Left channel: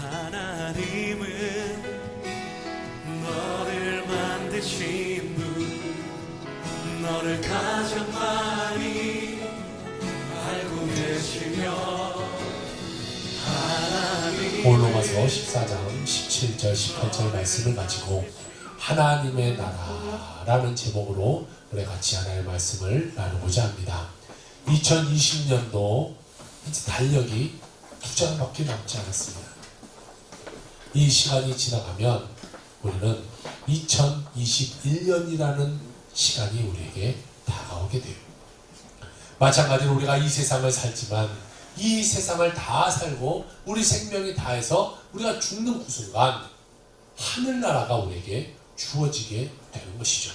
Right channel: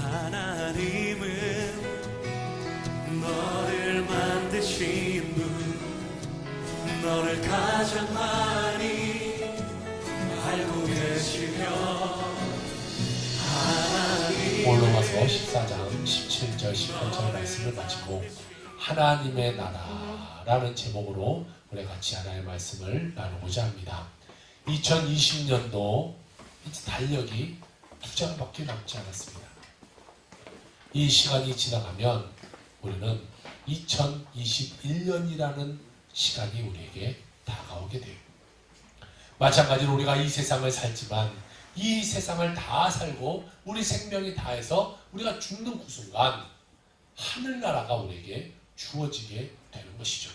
하나님은 너를 만드신 분, 너를 가장 많이 알고 계시며 로마서 14장 17절 18절 말씀을 마치고 하나님의 나라라는 제목으로 우리 같이 하나님의 말씀을 나누고자 합니다. 2020년도 이제 달력이 2장밖에 남지 않았습니다. 이 시간이 지나가면 우리는 2021년이라는 시간이 우리에게 다가오게 돼요. 마찬가지로 우리가 이 세상을 살지만 이 세상을 다 살고 우리 생명이 다해서 우리가 죽는 그 순간 하늘나라가 우리에게 주어지게 되는 것이죠.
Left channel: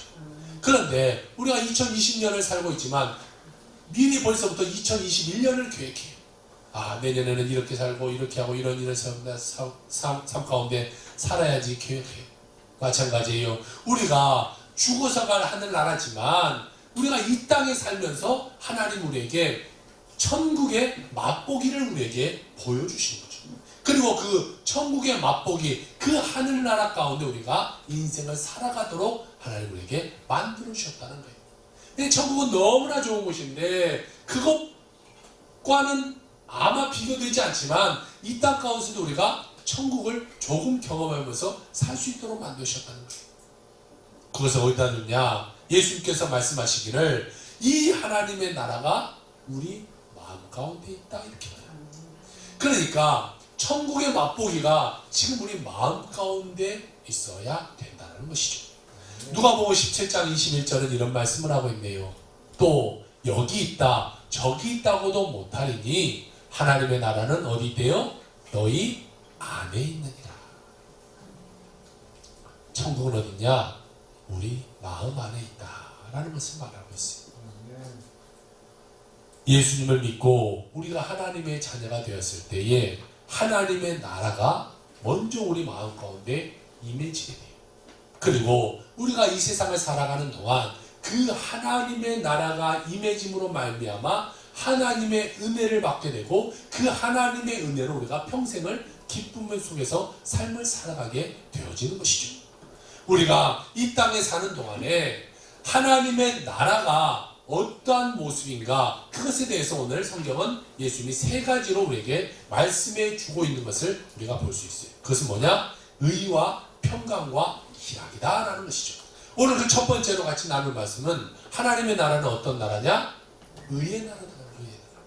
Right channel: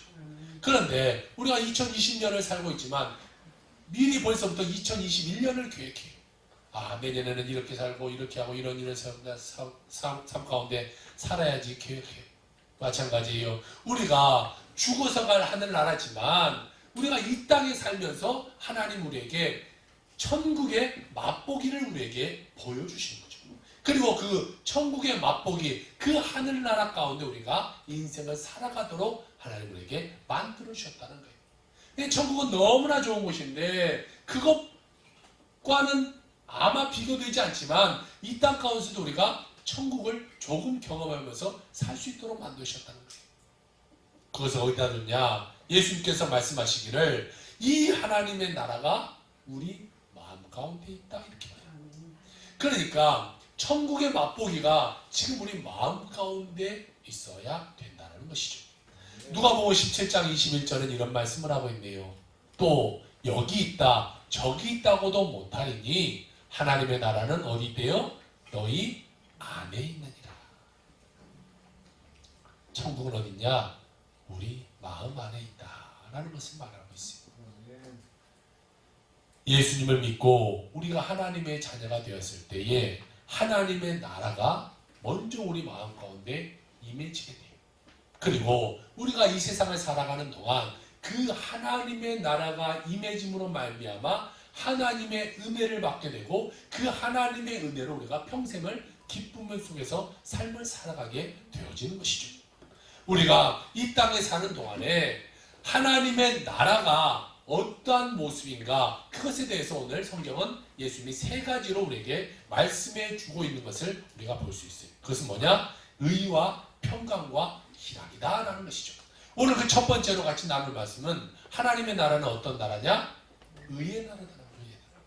그런데 우리가 2020년을 살고 있지만 미리 벌써부터 2021년을 계획해요. 내년에는 이렇게 살고 이렇게 하고 이런 삶 가운데 살아야지 계획해요. 마찬가지예요. 우리가 죽어서 갈 하늘나라지만 우리가 이 땅에 살면서 하나님 우리에게 천국의 맛보기를 우리에게 보여주신 거죠. 그리고 그 천국의 맛보기, 그 하늘나라 가운데 우리가 인생을 살아가도록 하나님 우리에게 만들어 주셨다는 거예요. 천국은 너무나 좋은 곳인데 그것과는 아마 비교되지 않지만 이 땅 가운데서도 우리가 천국을 조금 경험하면서 살 수 있도록 만드셨다는 거예요. 그것을 어디다 뒀냐? 예수님께서 말씀하시기를 이 하나님의 나라가 우리 마음 가운데 있다 이렇게 봐요. 그러니까 천국의 맛보기가 지금 우리 마음 가운데 있어야 된다는 것이죠. 누가복음 17장 21절은 이런 말씀을 하고 있네요. 또 여기 있다 저기 있다고도 못하리니 하나님의 나라는 어디 있대요? 너희 안에 있느니라. 천국은 어딨냐? 우리 마음 안에 있다라는 것을 말하고 있어요. 예수님을 믿고 우리가 하나님의 자녀가 되었을 때에 하나님의 나라가 먼저 우리 마음 가운데 임해지게 돼요. 그리고 우리가 이 세상을 살아가는 동안 그 하나님의 나라가 임해짐으로 말미암아 하나님의 은혜를 받게 되고 그 하나님의 은혜로 우리가 평생을 기쁨 속에서 삶을 살아가게 되어지는 것이죠. 우리가 이 땅에 사는 동안에 하나님의 나라가 어떠한 모습인가 그것에 대해서 오늘 성경은 예수님이 세 가지로 우리에게 말씀해 주고 있는 것을 우리가 볼 수 있어요. 그것은 뭐냐? 의와 평강과 희락이다 라는 것이죠. 오늘 그 첫 번째로 같이 나눌 말씀은 하나님의 나라는 어떤 나라냐? 의의 나라다. 의의 나라.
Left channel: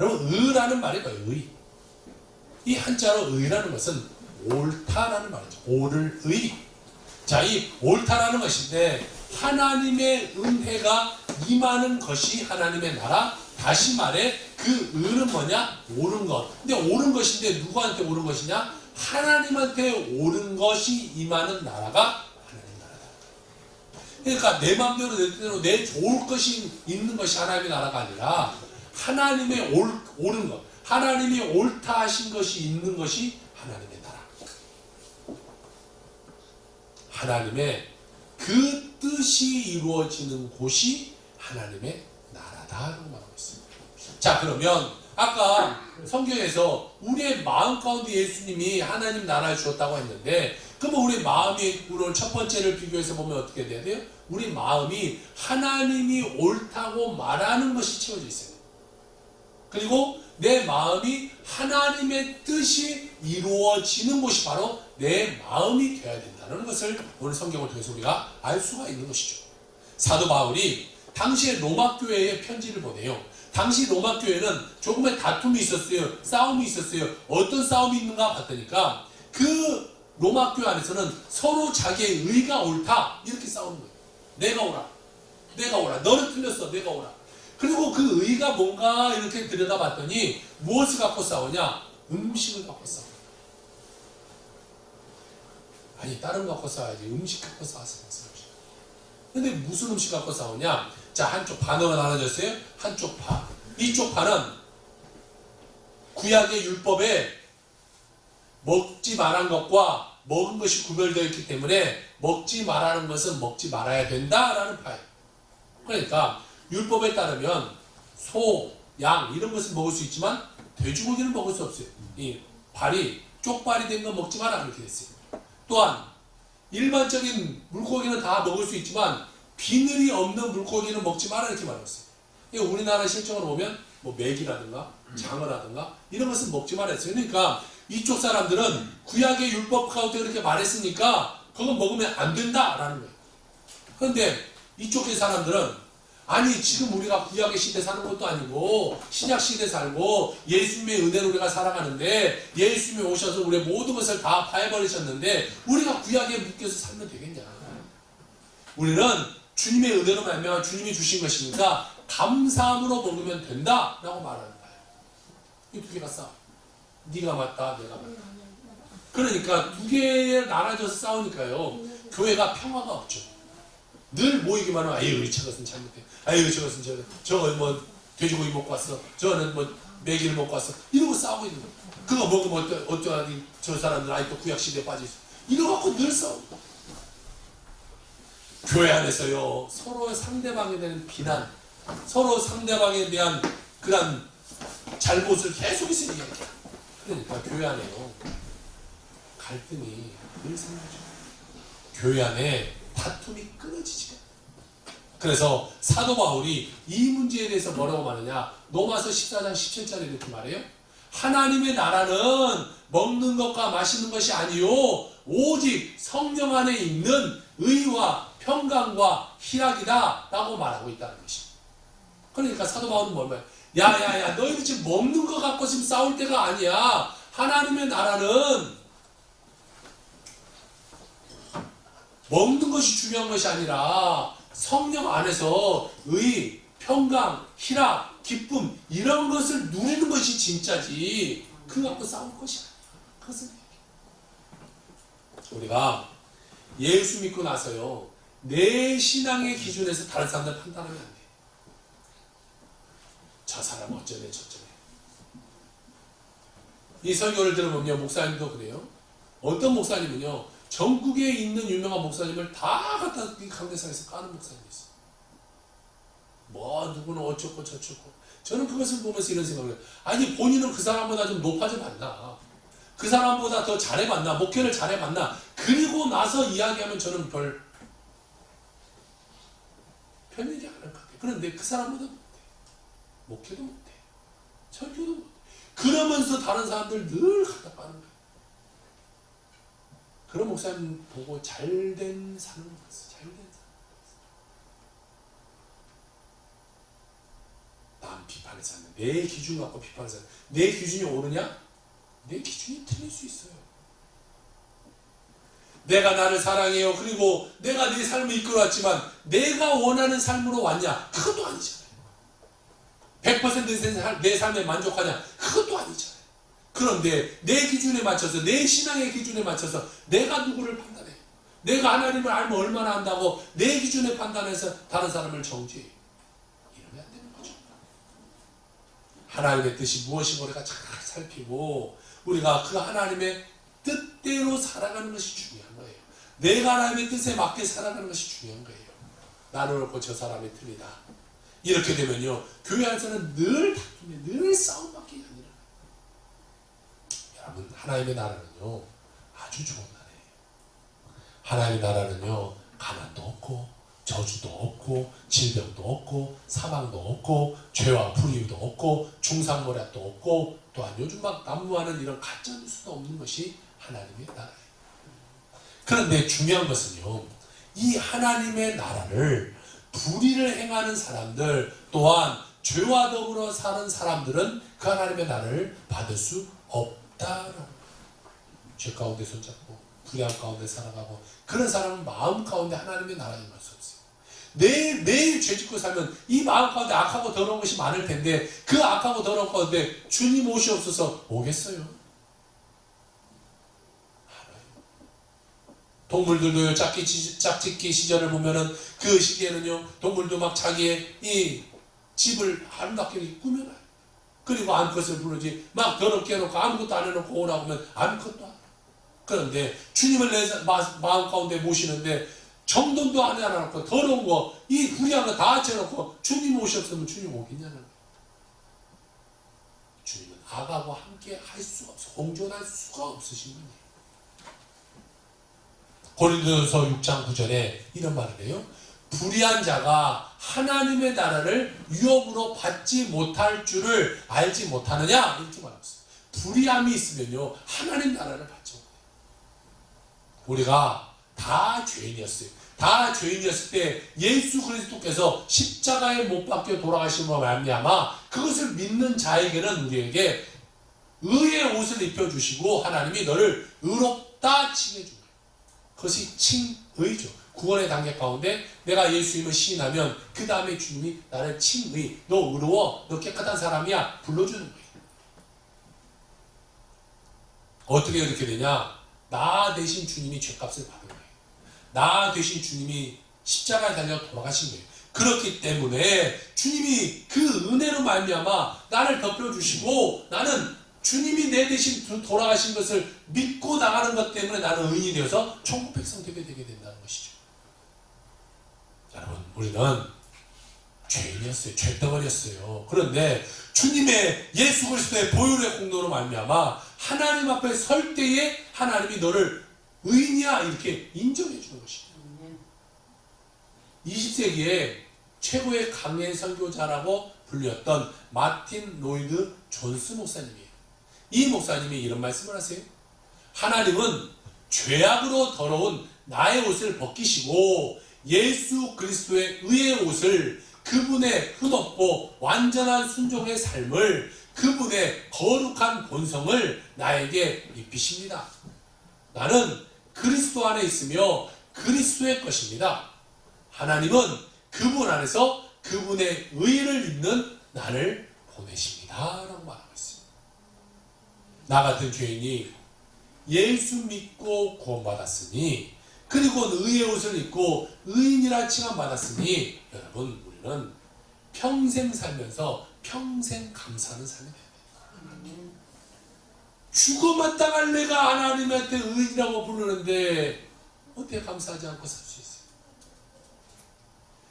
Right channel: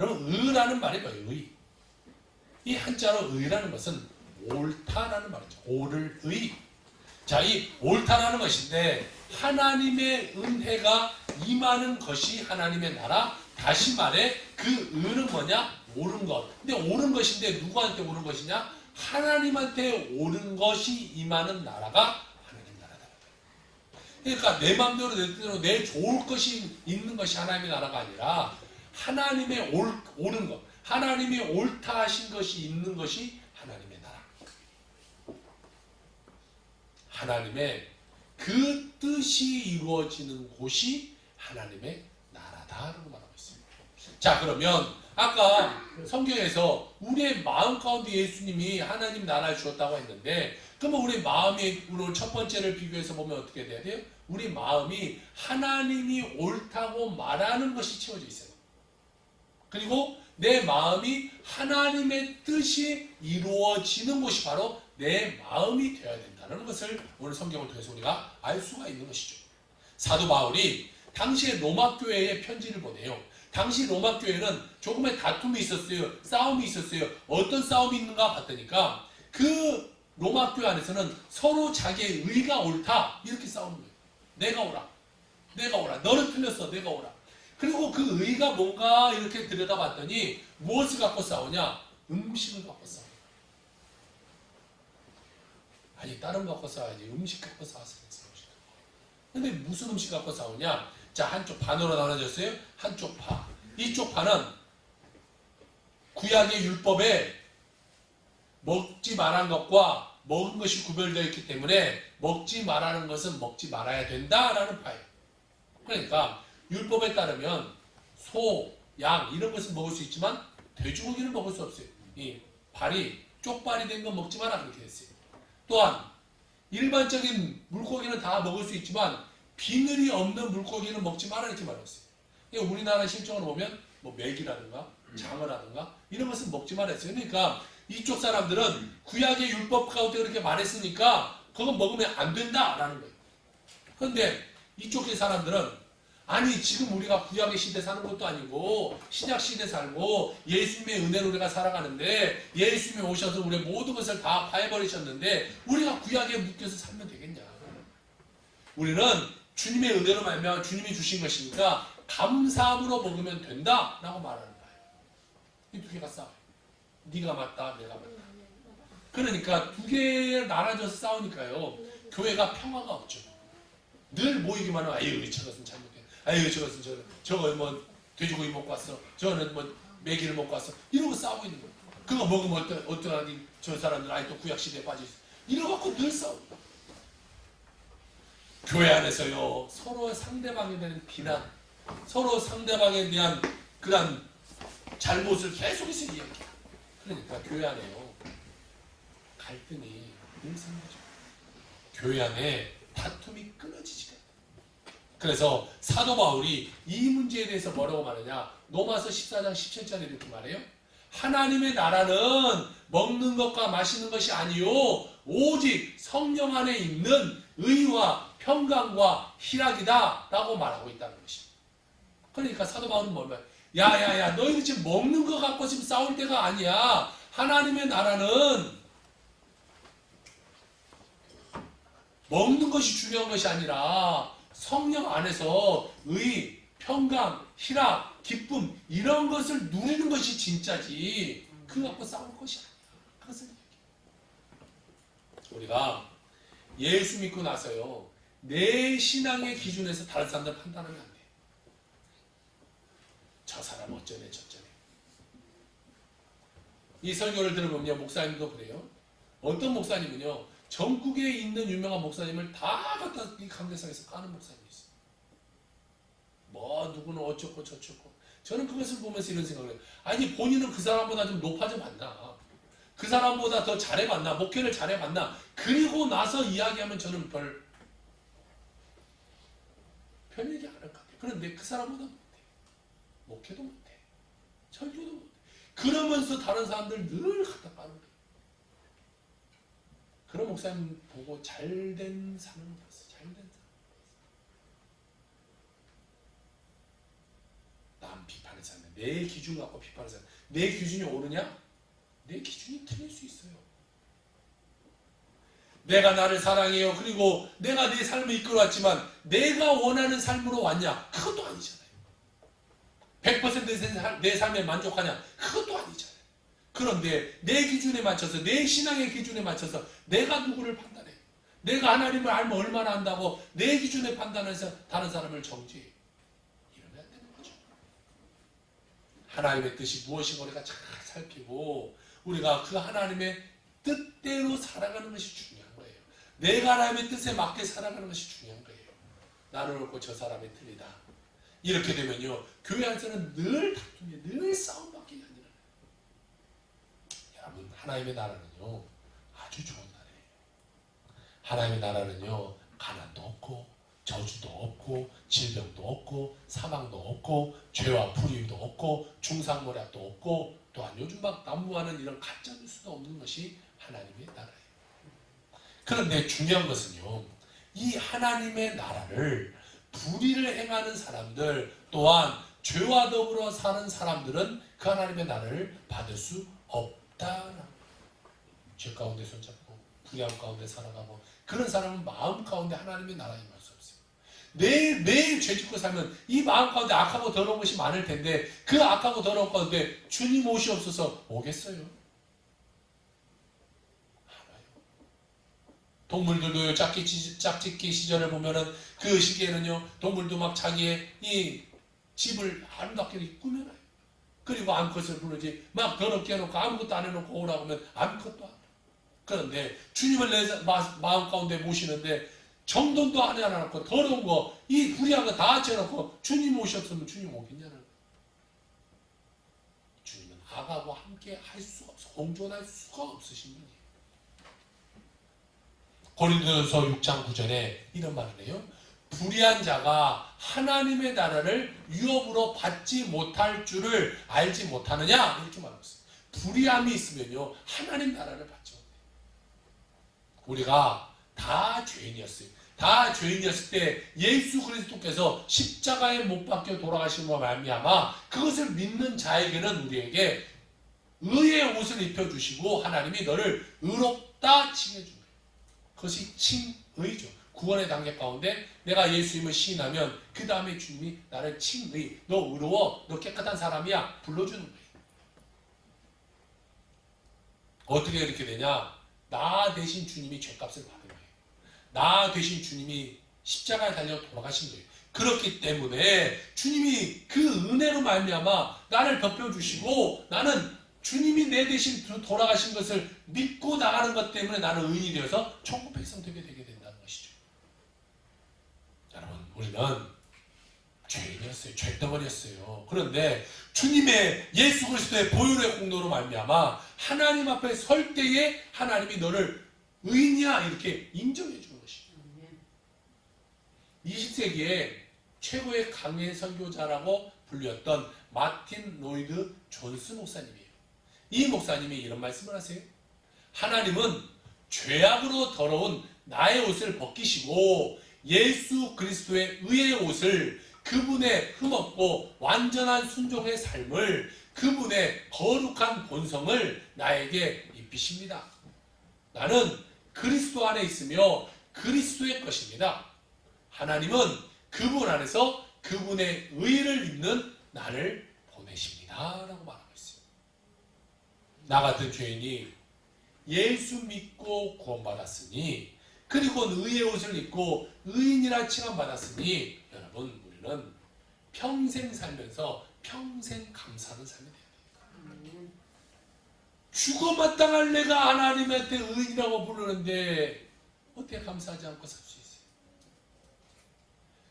여러분 의라는 말이 뭐예요? 의. 이 한자로 의라는 것은 옳다라는 말이죠. 옳을 의. 자, 이 옳다라는 것인데 하나님의 은혜가 임하는 것이 하나님의 나라. 다시 말해 그 의는 뭐냐? 옳은 것. 근데 옳은 것인데 누구한테 옳은 것이냐? 하나님한테 옳은 것이 임하는 나라가 하나님 나라다. 그러니까 내 마음대로 내 뜻대로 내 좋을 것이 있는 것이 하나님의 나라가 아니라 하나님의 옳은 것, 하나님이 옳다 하신 것이 있는 것이 하나님의 나라. 하나님의 그 뜻이 이루어지는 곳이 하나님의 나라다라고 말하고 있습니다. 자, 그러면 아까 성경에서 우리의 마음 가운데 예수님이 하나님 나라를 주었다고 했는데 그러면 우리 마음이 오늘 첫 번째를 비교해서 보면 어떻게 돼야 돼요? 우리 마음이 하나님이 옳다고 말하는 것이 채워져 있어요. 그리고 내 마음이 하나님의 뜻이 이루어지는 곳이 바로 내 마음이 되어야 된다는 것을 오늘 성경을 통해서 우리가 알 수가 있는 것이죠. 사도 바울이 당시에 로마 교회에 편지를 보내요. 당시 로마 교회는 조금의 다툼이 있었어요. 싸움이 있었어요. 어떤 싸움이 있는가 봤더니까 그 로마 교회 안에서는 서로 자기의 의가 옳다 이렇게 싸우는 거예요. 내가 옳아. 내가 옳아. 너는 틀렸어. 내가 옳아. 그리고 그 의가 뭔가 이렇게 들여다봤더니 무엇을 갖고 싸우냐? 음식을 갖고 싸워. 아니 다른 거 갖고 싸워야지. 음식 갖고 싸웠어요. 근데 무슨 음식 갖고 싸우냐? 자, 한쪽 반으로 나눠졌어요. 한쪽 파. 이쪽 파는 구약의 율법에 먹지 말한 것과 먹은 것이 구별되어 있기 때문에 먹지 말라는 것은 먹지 말아야 된다라는 파예요. 그러니까 율법에 따르면 소, 양 이런 것은 먹을 수 있지만 돼지고기는 먹을 수 없어요. 이 발이 쪽발이 된 거 먹지 마라 그렇게 됐어요. 또한 일반적인 물고기는 다 먹을 수 있지만 비늘이 없는 물고기는 먹지 마라 이렇게 말했어요. 우리나라 실정을 보면 뭐 메기라든가 장어라든가 이런 것은 먹지 마라 했어요. 그러니까 이쪽 사람들은 구약의 율법 가운데 그렇게 말했으니까 그거 먹으면 안 된다라는 거예요. 그런데 이쪽의 사람들은 아니 지금 우리가 구약의 시대 사는 것도 아니고 신약 시대 살고 예수님의 은혜로 우리가 살아가는데 예수님이 오셔서 우리의 모든 것을 다 파해버리셨는데 우리가 구약에 묶여서 살면 되겠냐. 우리는 주님의 은혜로 말미암아 주님이 주신 것이니까 감사함으로 먹으면 된다라고 말하는 거예요. 이 두 개가 싸워요. 네가 맞다 내가 맞다. 그러니까 두 개에 나눠져서 싸우니까요 교회가 평화가 없죠. 늘 모이기만 하면 아유 저것은 잘못해, 아유 저것은 저거 뭐 돼지고기 먹고 왔어, 저거는 뭐 메기를 먹고 왔어 이러고 싸우고 있는 거예요. 그거 먹으면 어떠하니 저 사람들 아직도 구약시대에 빠져있어 이러고 늘 싸웁니다. 교회 안에서요 서로 상대방에 대한 비난, 서로 상대방에 대한 그런 잘못을 계속해서 이야기해요. 그러니까 교회 안에요 갈등이 늘 생기죠. 교회 안에 다툼이 끊어지지가 않아요. 그래서 사도 바울이 이 문제에 대해서 뭐라고 말하냐, 로마서 14장 17절에 이렇게 말해요. 하나님의 나라는 먹는 것과 마시는 것이 아니요 오직 성령 안에 있는 의와 평강과 희락이다 라고 말하고 있다는 것입니다. 그러니까 사도 바울은 뭘 말해요? 야야야 너희들 지금 먹는 것 갖고 지금 싸울 때가 아니야. 하나님의 나라는 먹는 것이 중요한 것이 아니라 성령 안에서 의, 평강, 희락, 기쁨 이런 것을 누리는 것이 진짜지 그거 갖고 싸울 것이 아니야. 그것을 얘기해. 우리가 예수 믿고 나서요 내 신앙의 기준에서 다른 사람들 판단하면 안 돼. 저 사람 어쩌네 저쩌네. 이 설교를 들어보면 목사님도 그래요. 어떤 목사님은요 전국에 있는 유명한 목사님을 다 갖다 이 강대상에서 까는 목사님이 있어요. 뭐 누구는 어쩌고 저쩌고. 저는 그것을 보면서 이런 생각을 해요. 아니 본인은 그 사람보다 좀 높아져 봤나, 그 사람보다 더 잘해봤나, 목회를 잘해봤나, 그리고 나서 이야기하면 저는 별 편하지 않을 것 같아요. 그런데 그 사람보다 못해. 목회도 못해. 설교도 못해. 그러면서 다른 사람들 늘 갖다 까는 거예요. 그런 목사님 보고 잘된 사람을 봤어. 잘된 사람. 남 비판해서 하는 내 기준 갖고 비판해서 하는 내 기준이 옳으냐? 내 기준이 틀릴 수 있어요. 내가 나를 사랑해요. 그리고 내가 내 삶을 이끌어왔지만 내가 원하는 삶으로 왔냐? 그것도 아니잖아요. 100% 내 삶에 만족하냐? 그것도 아니잖아요. 그런데 내 기준에 맞춰서 내 신앙의 기준에 맞춰서 내가 누구를 판단해? 내가 하나님을 알면 얼마나 한다고 내 기준에 판단해서 다른 사람을 정죄해? 이러면 안 되는 거죠. 하나님의 뜻이 무엇인가 우리가 잘 살피고 우리가 그 하나님의 뜻대로 살아가는 것이 중요한 거예요. 내가 하나님의 뜻에 맞게 살아가는 것이 중요한 거예요. 나는 옳고 저 사람이 틀리다. 이렇게 되면요 교회 안에서는 늘 다툼이 늘 싸움밖에 아니라. 여러분 하나님의 나라는요 아주 좋은 나라예요. 하나님의 나라는요 가난도 없고 저주도 없고 질병도 없고 사망도 없고 죄와 불의도 없고 중상모략도 없고 또한 요즘 막 난무하는 이런 가짜뉴스도 없는 것이 하나님의 나라예요. 그런데 중요한 것은요 이 하나님의 나라를 불의를 행하는 사람들 또한 죄와 더불어 사는 사람들은 그 하나님의 나라를 받을 수 없다라는 죄 가운데 손잡고 불의함 가운데 살아가고 그런 사람은 마음 가운데 하나님의 나라에 임할 수 없어요. 매일 죄짓고 살면 이 마음 가운데 악하고 더러운 것이 많을 텐데 그 악하고 더러운 가운데 주님 옷이 없어서 오겠어요? 동물들도요 짝짓기 시절을 보면은 그 시기에는요 동물도 막 자기의 이 집을 아름답게 꾸며놔요. 그리고 암컷을 부르지 막 더럽게 해놓고 아무것도 안 해놓고 오라고 하면 아무것도 안 해요. 그런데 주님을 내 마음 가운데 모시는데 정돈도 안 해놓고 더러운 거 이 불의한 거 다 합쳐놓고 주님 옷이 없으면 주님 오겠냐는 거예요. 주님은 아가와 함께 할 수가 없어. 공존할 수가 없으신 분이에요. 고린도전서 6장 9절에 이런 말을 해요. 불의한 자가 하나님의 나라를 유업으로 받지 못할 줄을 알지 못하느냐? 이렇게 말하고 있어요. 불의함이 있으면요 하나님 나라를 받지 못해요. 우리가 다 죄인이었어요. 다 죄인이었을 때 예수 그리스도께서 십자가에 못 박혀 돌아가심으로 말미암아 그것을 믿는 자에게는 우리에게 의의 옷을 입혀주시고 하나님이 너를 의롭다 칭해준 거예요. 그것이 칭의죠. 구원의 단계 가운데 내가 예수님을 시인하면 그 다음에 주님이 나를 칭의, 너 의로워, 너 깨끗한 사람이야 불러주는 거예요. 어떻게 그렇게 되냐? 나 대신 주님이 죄값을 받은 거예요. 나 대신 주님이 십자가에 달려 돌아가신 거예요. 그렇기 때문에 주님이 그 은혜로 말미암아 나를 덮여주시고 나는 주님이 내 대신 돌아가신 것을 믿고 나가는 것 때문에 나는 의인이 되어서 천국 백성 되게 된다는 것이죠. 여러분, 우리는 죄인이었어요. 죄덩어리였어요. 그런데 주님의 예수 그리스도의 보혈의 공로로 말미암아 하나님 앞에 설 때에 하나님이 너를 의인이야 이렇게 인정해 주는 것이죠. 20세기에 최고의 강해 선교자라고 불렸던 마틴 로이드 존스 목사님이에요. 이 목사님이 이런 말씀을 하세요. 하나님은 죄악으로 더러운 나의 옷을 벗기시고 예수 그리스도의 의의 옷을 그분의 흠없고 완전한 순종의 삶을 그분의 거룩한 본성을 나에게 입히십니다. 나는 그리스도 안에 있으며 그리스도의 것입니다. 하나님은 그분 안에서 그분의 의를 입는 나를 보내십니다. 라고 말하고 있습니다. 나 같은 죄인이 예수 믿고 구원받았으니 그리고 의의 옷을 입고 의인이라 칭함받았으니 여러분 우리는 평생 살면서 평생 감사하는 삶이 돼야 돼요. 죽어 마땅할 내가 하나님한테 의인이라고 부르는데 어떻게 감사하지 않고 살 수 있어요?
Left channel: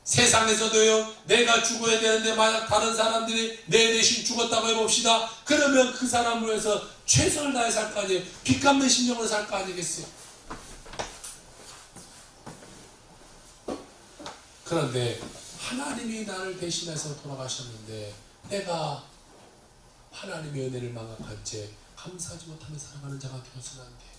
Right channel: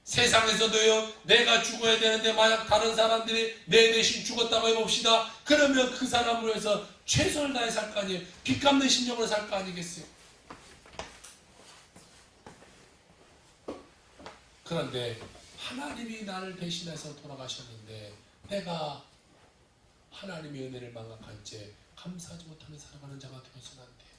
세상에서도요 내가 죽어야 되는데 만약 다른 사람들이 내 대신 죽었다고 해봅시다. 그러면 그 사람으로 해서 최선을 다해 살 거 아니에요. 빚 갚는 심정으로 살 거 아니겠어요? 그런데 하나님이 나를 대신해서 돌아가셨는데 내가 하나님의 은혜를 망각한 채 감사하지 못하며 살아가는 자가 되어서는 안 돼요.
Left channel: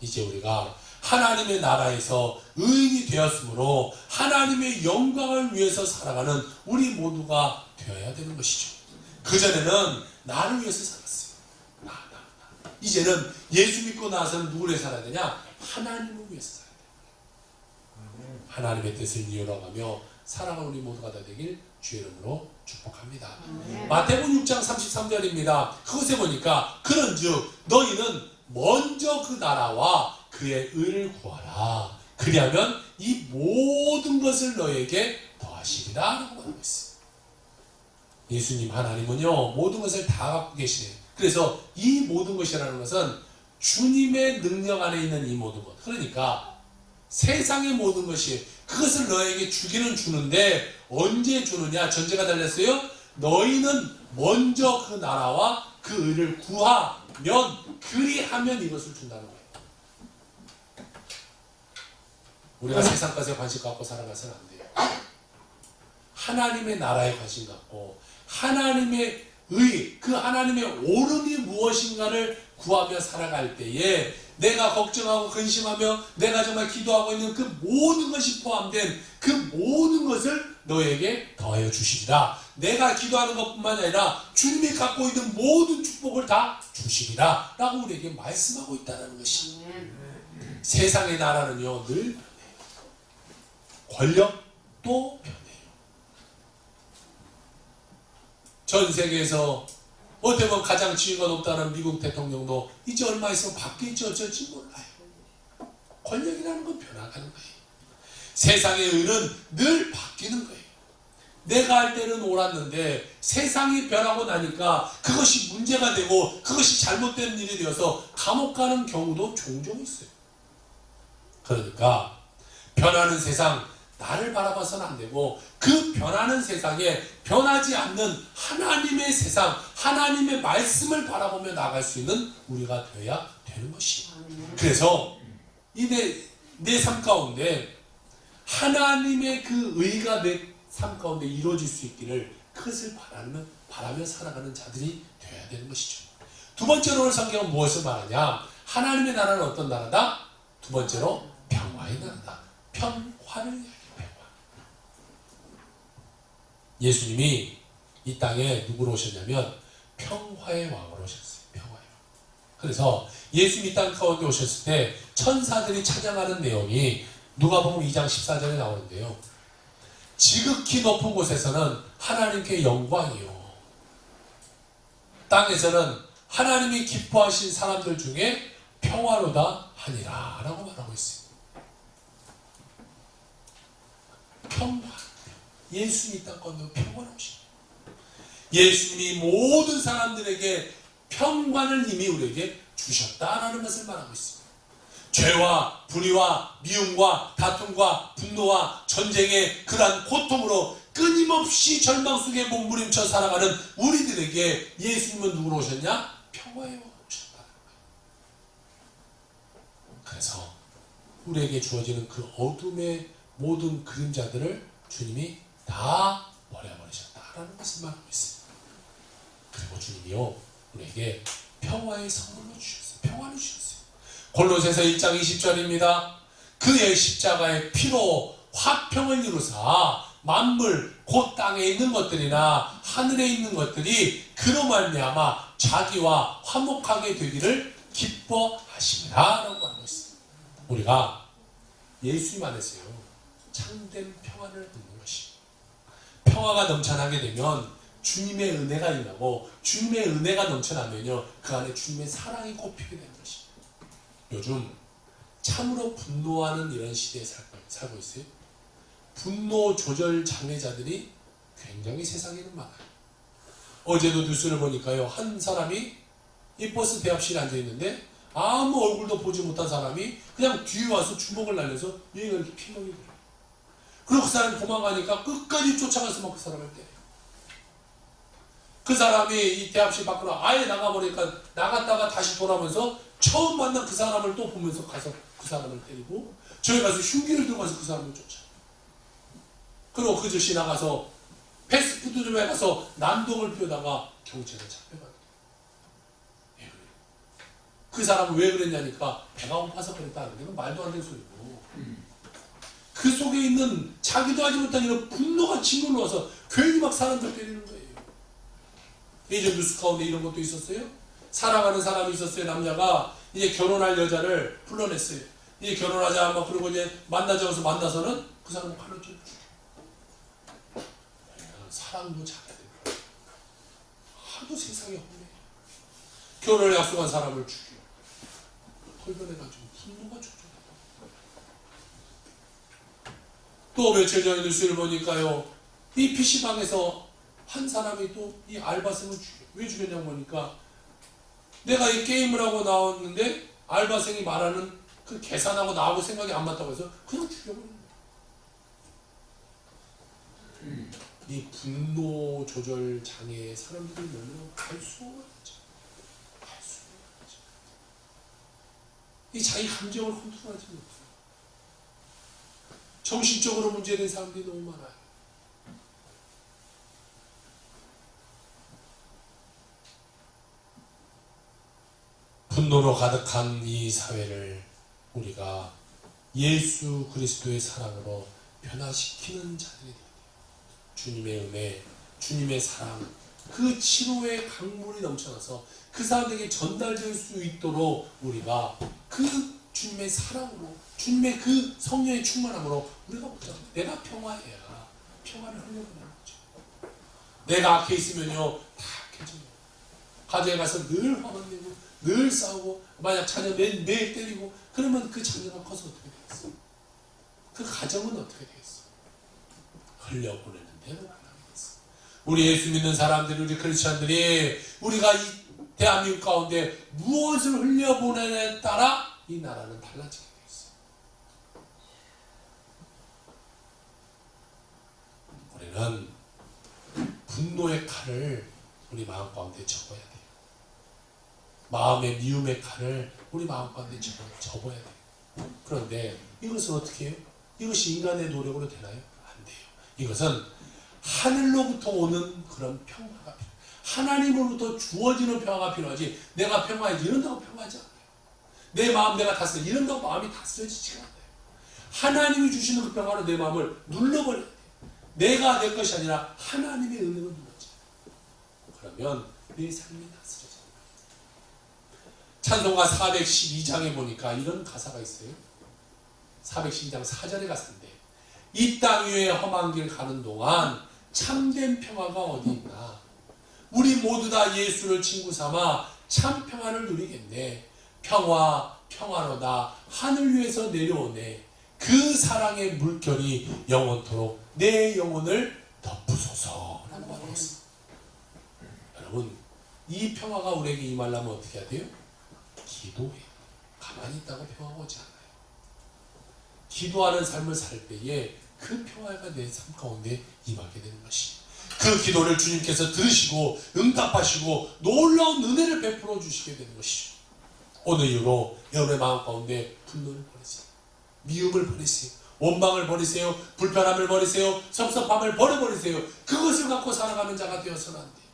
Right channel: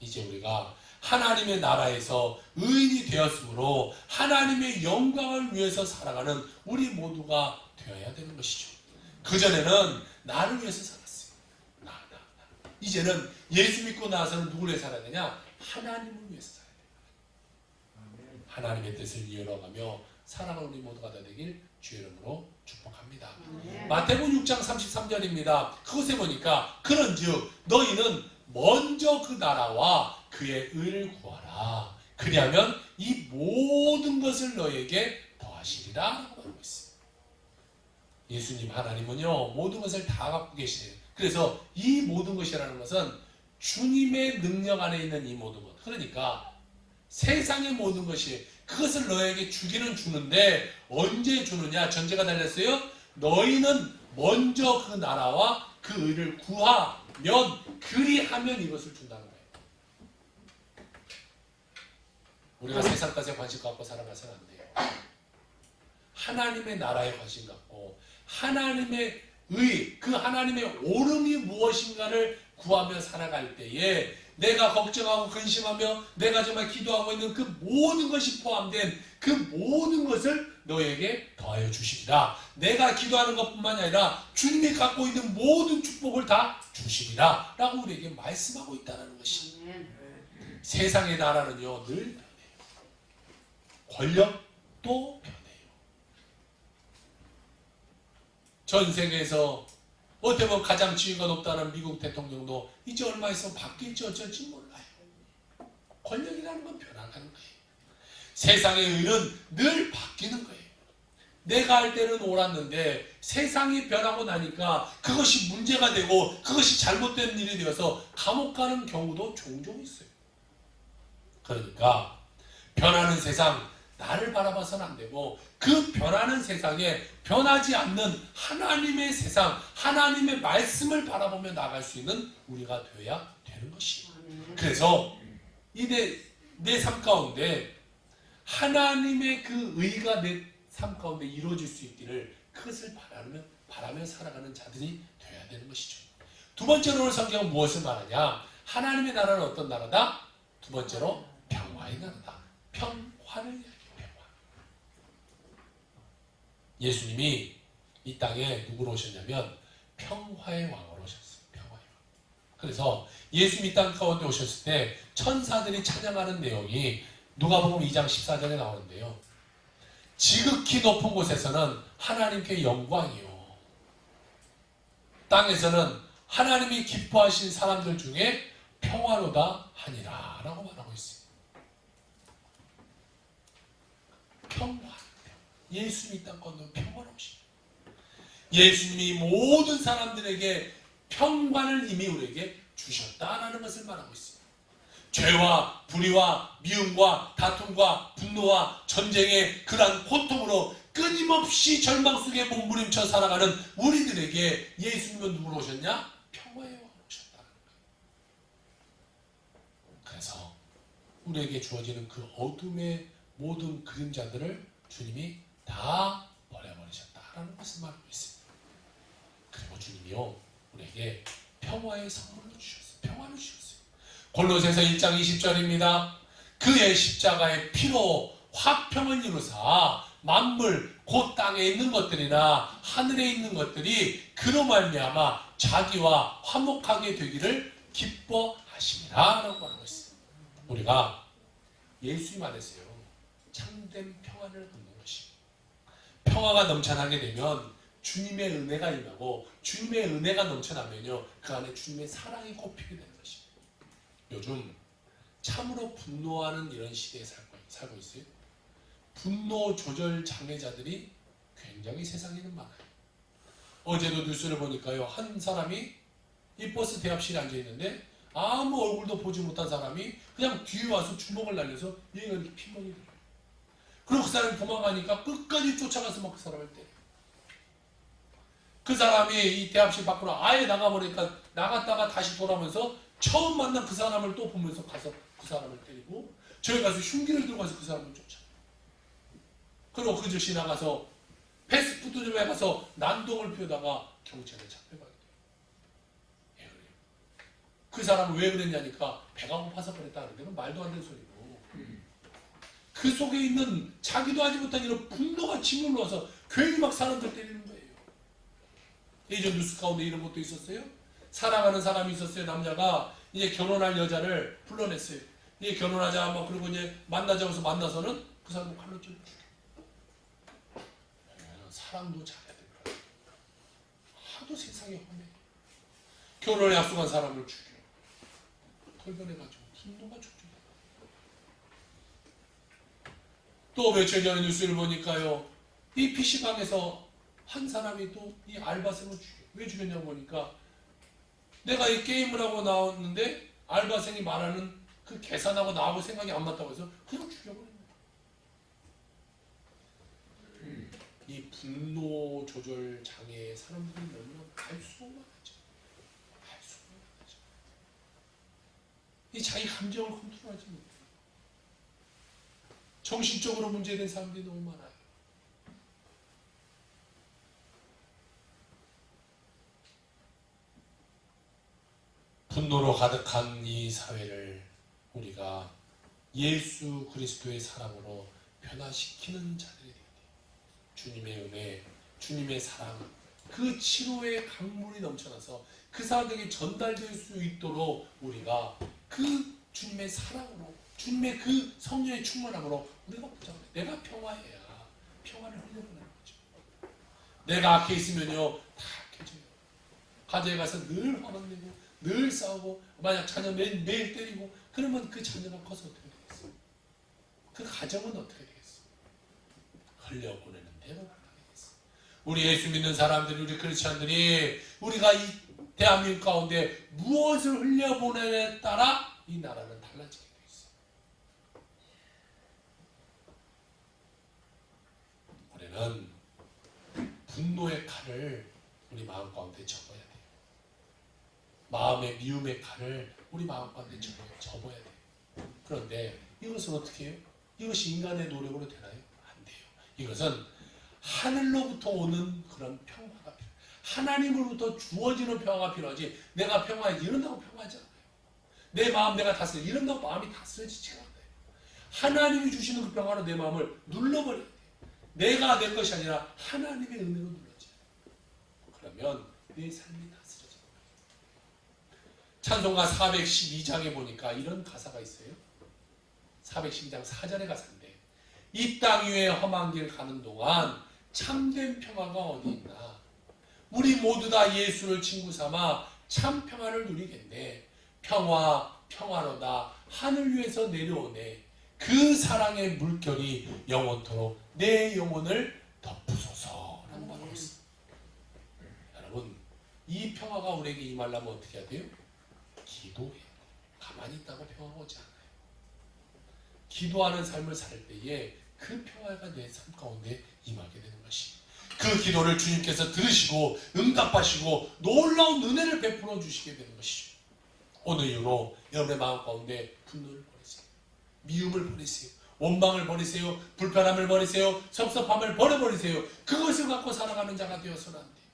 이제 우리가 하나님의 나라에서 의인이 되었으므로 하나님의 영광을 위해서 살아가는 우리 모두가 되어야 되는 것이죠. 그전에는 나를 위해서 살았어요. 나. 이제는 예수 믿고 나서는 누구를 위해 살아야 되냐? 하나님을 위해서 살아야 돼요. 하나님의 뜻을 이어나가며 살아가는 우리 모두가 다 되길 주의 이름으로 축복합니다. 마태복음 6장 33절입니다. 그것에 보니까 그런즉 너희는 먼저 그 나라와 그의 의를 구하라. 그리하면 이 모든 것을 너에게 더하시리라 라고 말하고 있어요. 예수님 하나님은요 모든 것을 다 갖고 계시네요. 그래서 이 모든 것이라는 것은 주님의 능력 안에 있는 이 모든 것. 그러니까 세상의 모든 것이 그것을 너에게 주기는 주는데 언제 주느냐? 전제가 달렸어요. 너희는 먼저 그 나라와 그 의를 구하면 그리하면 이것을 준다는 거예요. 우리가 세상 것에 관심 갖고 살아가서는 안 돼요. 하나님의 나라에 관심 갖고 하나님의 의, 그 하나님의 옳음이 무엇인가를 구하며 살아갈 때에 내가 걱정하고 근심하며 내가 정말 기도하고 있는 그 모든 것이 포함된 그 모든 것을 너에게 더하여 주시리라. 내가 기도하는 것뿐만 아니라 주님이 갖고 있는 모든 축복을 다 주시리라 라고 우리에게 말씀하고 있다는 것이. 세상의 나라는요 늘 변해요. 권력도 변해요. 전 세계에서 어떻게 보면 가장 지위가 높다는 미국 대통령도 이제 얼마 있으면 바뀔지 어쩔지 몰라요. 권력이라는 건 변화가는 거예요. 세상의 의는 늘 바뀌는 거예요. 내가 할 때는 옳았는데 세상이 변하고 나니까 그것이 문제가 되고 그것이 잘못된 일이 되어서 감옥 가는 경우도 종종 있어요. 그러니까 변하는 세상, 나를 바라봐서는 안 되고 그 변하는 세상에 변하지 않는 하나님의 세상, 하나님의 말씀을 바라보며 나아갈 수 있는 우리가 되어야 되는 것이에요. 그래서 내 삶 가운데 하나님의 그 의가 내 삶 가운데 이루어질 수 있기를 그것을 바라며 살아가는 자들이 되어야 되는 것이죠. 두 번째로 오늘 성경은 무엇을 말하냐? 하나님의 나라는 어떤 나라다? 두 번째로 평화의 나라다. 평화를 이야기해요. 평화. 예수님이 이 땅에 누구로 오셨냐면 평화의 왕으로 오셨어요. 평화의 왕. 그래서 예수님이 이 땅 가운데 오셨을 때 천사들이 찬양하는 내용이 누가복음 2장 14절에 나오는데요. 지극히 높은 곳에서는 하나님께 영광이요. 땅에서는 하나님이 기뻐하신 사람들 중에 평화로다 하니라 라고 말하고 있습니다. 평화. 예수님이 땅 가운데 평화로우십니다. 예수님이 모든 사람들에게 평화를 이미 우리에게 주셨다라는 것을 말하고 있습니다. 죄와 불의와 미움과 다툼과 분노와 전쟁의 그러한 고통으로 끊임없이 절망 속에 몸부림쳐 살아가는 우리들에게 예수님은 누구로 오셨냐? 평화의 왕으로 오셨다. 그래서 우리에게 주어지는 그 어둠의 모든 그림자들을 주님이 다 버려버리셨다라는 것을 말하고 있습니다. 그리고 주님이요 우리에게 평화의 선물로 주셨어요. 평화를 주셨어요. 골로새서 1장 20절입니다. 그의 십자가의 피로 화평을 이루사 만물 곧 땅에 있는 것들이나 하늘에 있는 것들이 그로 말미암아 자기와 화목하게 되기를 기뻐하심이라 라고 말하고 있습니다. 우리가 예수님 안에서요 참된 평화를 얻는 것이 평화가 넘쳐나게 되면 주님의 은혜가 임하고 주님의 은혜가 넘쳐나면요 그 안에 주님의 사랑이 꼽히게 되는 것입니다. 요즘 참으로 분노하는 이런 시대에 살고 있어요. 분노 조절 장애자들이 굉장히 세상에는 많아요. 어제도 뉴스를 보니까요 한 사람이 이 버스 대합실에 앉아 있는데 아무 얼굴도 보지 못한 사람이 그냥 뒤에 와서 주먹을 날려서 얘가 이렇게 피멍이 들어요. 그리고 그 사람이 도망가니까 끝까지 쫓아가서 막 그 사람을 때려요. 그 사람이 이 대합실 밖으로 아예 나가버리니까 나갔다가 다시 돌아오면서 처음 만난 그 사람을 또 보면서 가서 그 사람을 때리고 저기 가서 흉기를 들고 가서 그 사람을 쫓아요. 그리고 그 즉시 나가서 패스트푸드점에 가서 난동을 피우다가 경찰에 잡혀가요. 예, 그래요. 그 사람은 왜 그랬냐니까 배가 고파서 그랬다는데 그건 말도 안 되는 소리고 그 속에 있는 자기도 하지 못한 이런 분노가 짓눌러 와서 괜히 막 사람들 때리는 거예요. 예전 뉴스 가운데 이런 것도 있었어요. 사랑하는 사람이 있었어요. 남자가 이제 결혼할 여자를 불러냈어요. 이제 결혼하자 뭐 그러고 이제 만나자고 해서 만나서는 그 사람을 칼로 찔러 죽여. 사랑도 잘해야 될 거야. 하도 세상에 험해. 결혼을 약속한 사람을 죽여. 털변해가지고 분노가 촉촉해. 또 며칠 전에 뉴스를 보니까요. 이 PC방에서 한 사람이 또 이 알바생을 죽여. 왜 죽였냐고 보니까 내가 이 게임을 하고 나왔는데 알바생이 말하는 그 계산하고 나하고 생각이 안 맞다고 해서 그냥 죽여버린 거야. 이 분노 조절 장애 사람들이 너무 갈 수가 없죠. 갈 수가 없죠. 이 자기 감정을 컨트롤하지 못해요. 정신적으로 문제된 사람들이 너무 많아요. 분노로 가득한 이 사회를 우리가 예수 그리스도의 사랑으로 변화시키는 자들이 되어야 돼요. 주님의 은혜, 주님의 사랑, 그 치료의 강물이 넘쳐나서 그 사람들에게 전달될 수 있도록 우리가 그 주님의 사랑으로, 주님의 그 성령의 충만함으로 우리가 보자. 내가 평화해야 평화를 흘려보내는 거죠. 내가 악해 있으면요 다 악해져요. 가정에 가서 늘 화만 내고 늘 싸우고 만약 자녀 매일 때리고 그러면 그 자녀가 커서 어떻게 되겠어? 그 가정은 어떻게 되겠어? 흘려보내는 대로 가능하겠어. 우리 예수 믿는 사람들, 우리 크리스천들이 우리가 이 대한민국 가운데 무엇을 흘려보내냐에 따라 이 나라는 달라지게 돼 있어. 우리는 분노의 칼을 우리 마음 가운데 접어야 돼요. 마음의 미움의 칼을 우리 마음 가운데 접어야 돼요. 그런데 이것은 어떻게 해요? 이것이 인간의 노력으로 되나요? 안 돼요. 이것은 하늘로부터 오는 그런 평화가 필요해요. 하나님으로부터 주어지는 평화가 필요하지, 내가 평화해지 이런다고 평화하지 않아요. 내 마음 내가 다스려 이런다고 마음이 다스려지지가 않아요. 하나님이 주시는 그 평화로 내 마음을 눌러버려야 돼요. 내가 내 것이 아니라 하나님의 은혜로 눌러져요. 그러면 내 삶이 다스려져요. 찬송가 412장에 보니까 이런 가사가 있어요. 412장 4절의 가사인데, 이 땅 위에 험한 길 가는 동안 참된 평화가 어디 있나. 우리 모두 다 예수를 친구 삼아 참 평화를 누리겠네. 평화 평화로다 하늘 위에서 내려오네. 그 사랑의 물결이 영원토록 내 영혼을 덮으소서 라고 말하고 있습니다. 여러분, 이 평화가 우리에게 임하려면 어떻게 해야 돼요? 기도해야 돼요. 가만히 있다고 평화가 오지 않아요. 기도하는 삶을 살 때에 그 평화가 내 삶 가운데 임하게 되는 것이, 그 기도를 주님께서 들으시고 응답하시고 놀라운 은혜를 베풀어 주시게 되는 것이죠. 오늘 이후로 여러분의 마음 가운데 분노를 버리세요. 미움을 버리세요. 원망을 버리세요. 불편함을 버리세요. 섭섭함을 버려버리세요. 그것을 갖고 살아가는 자가 되어서는 안 돼요.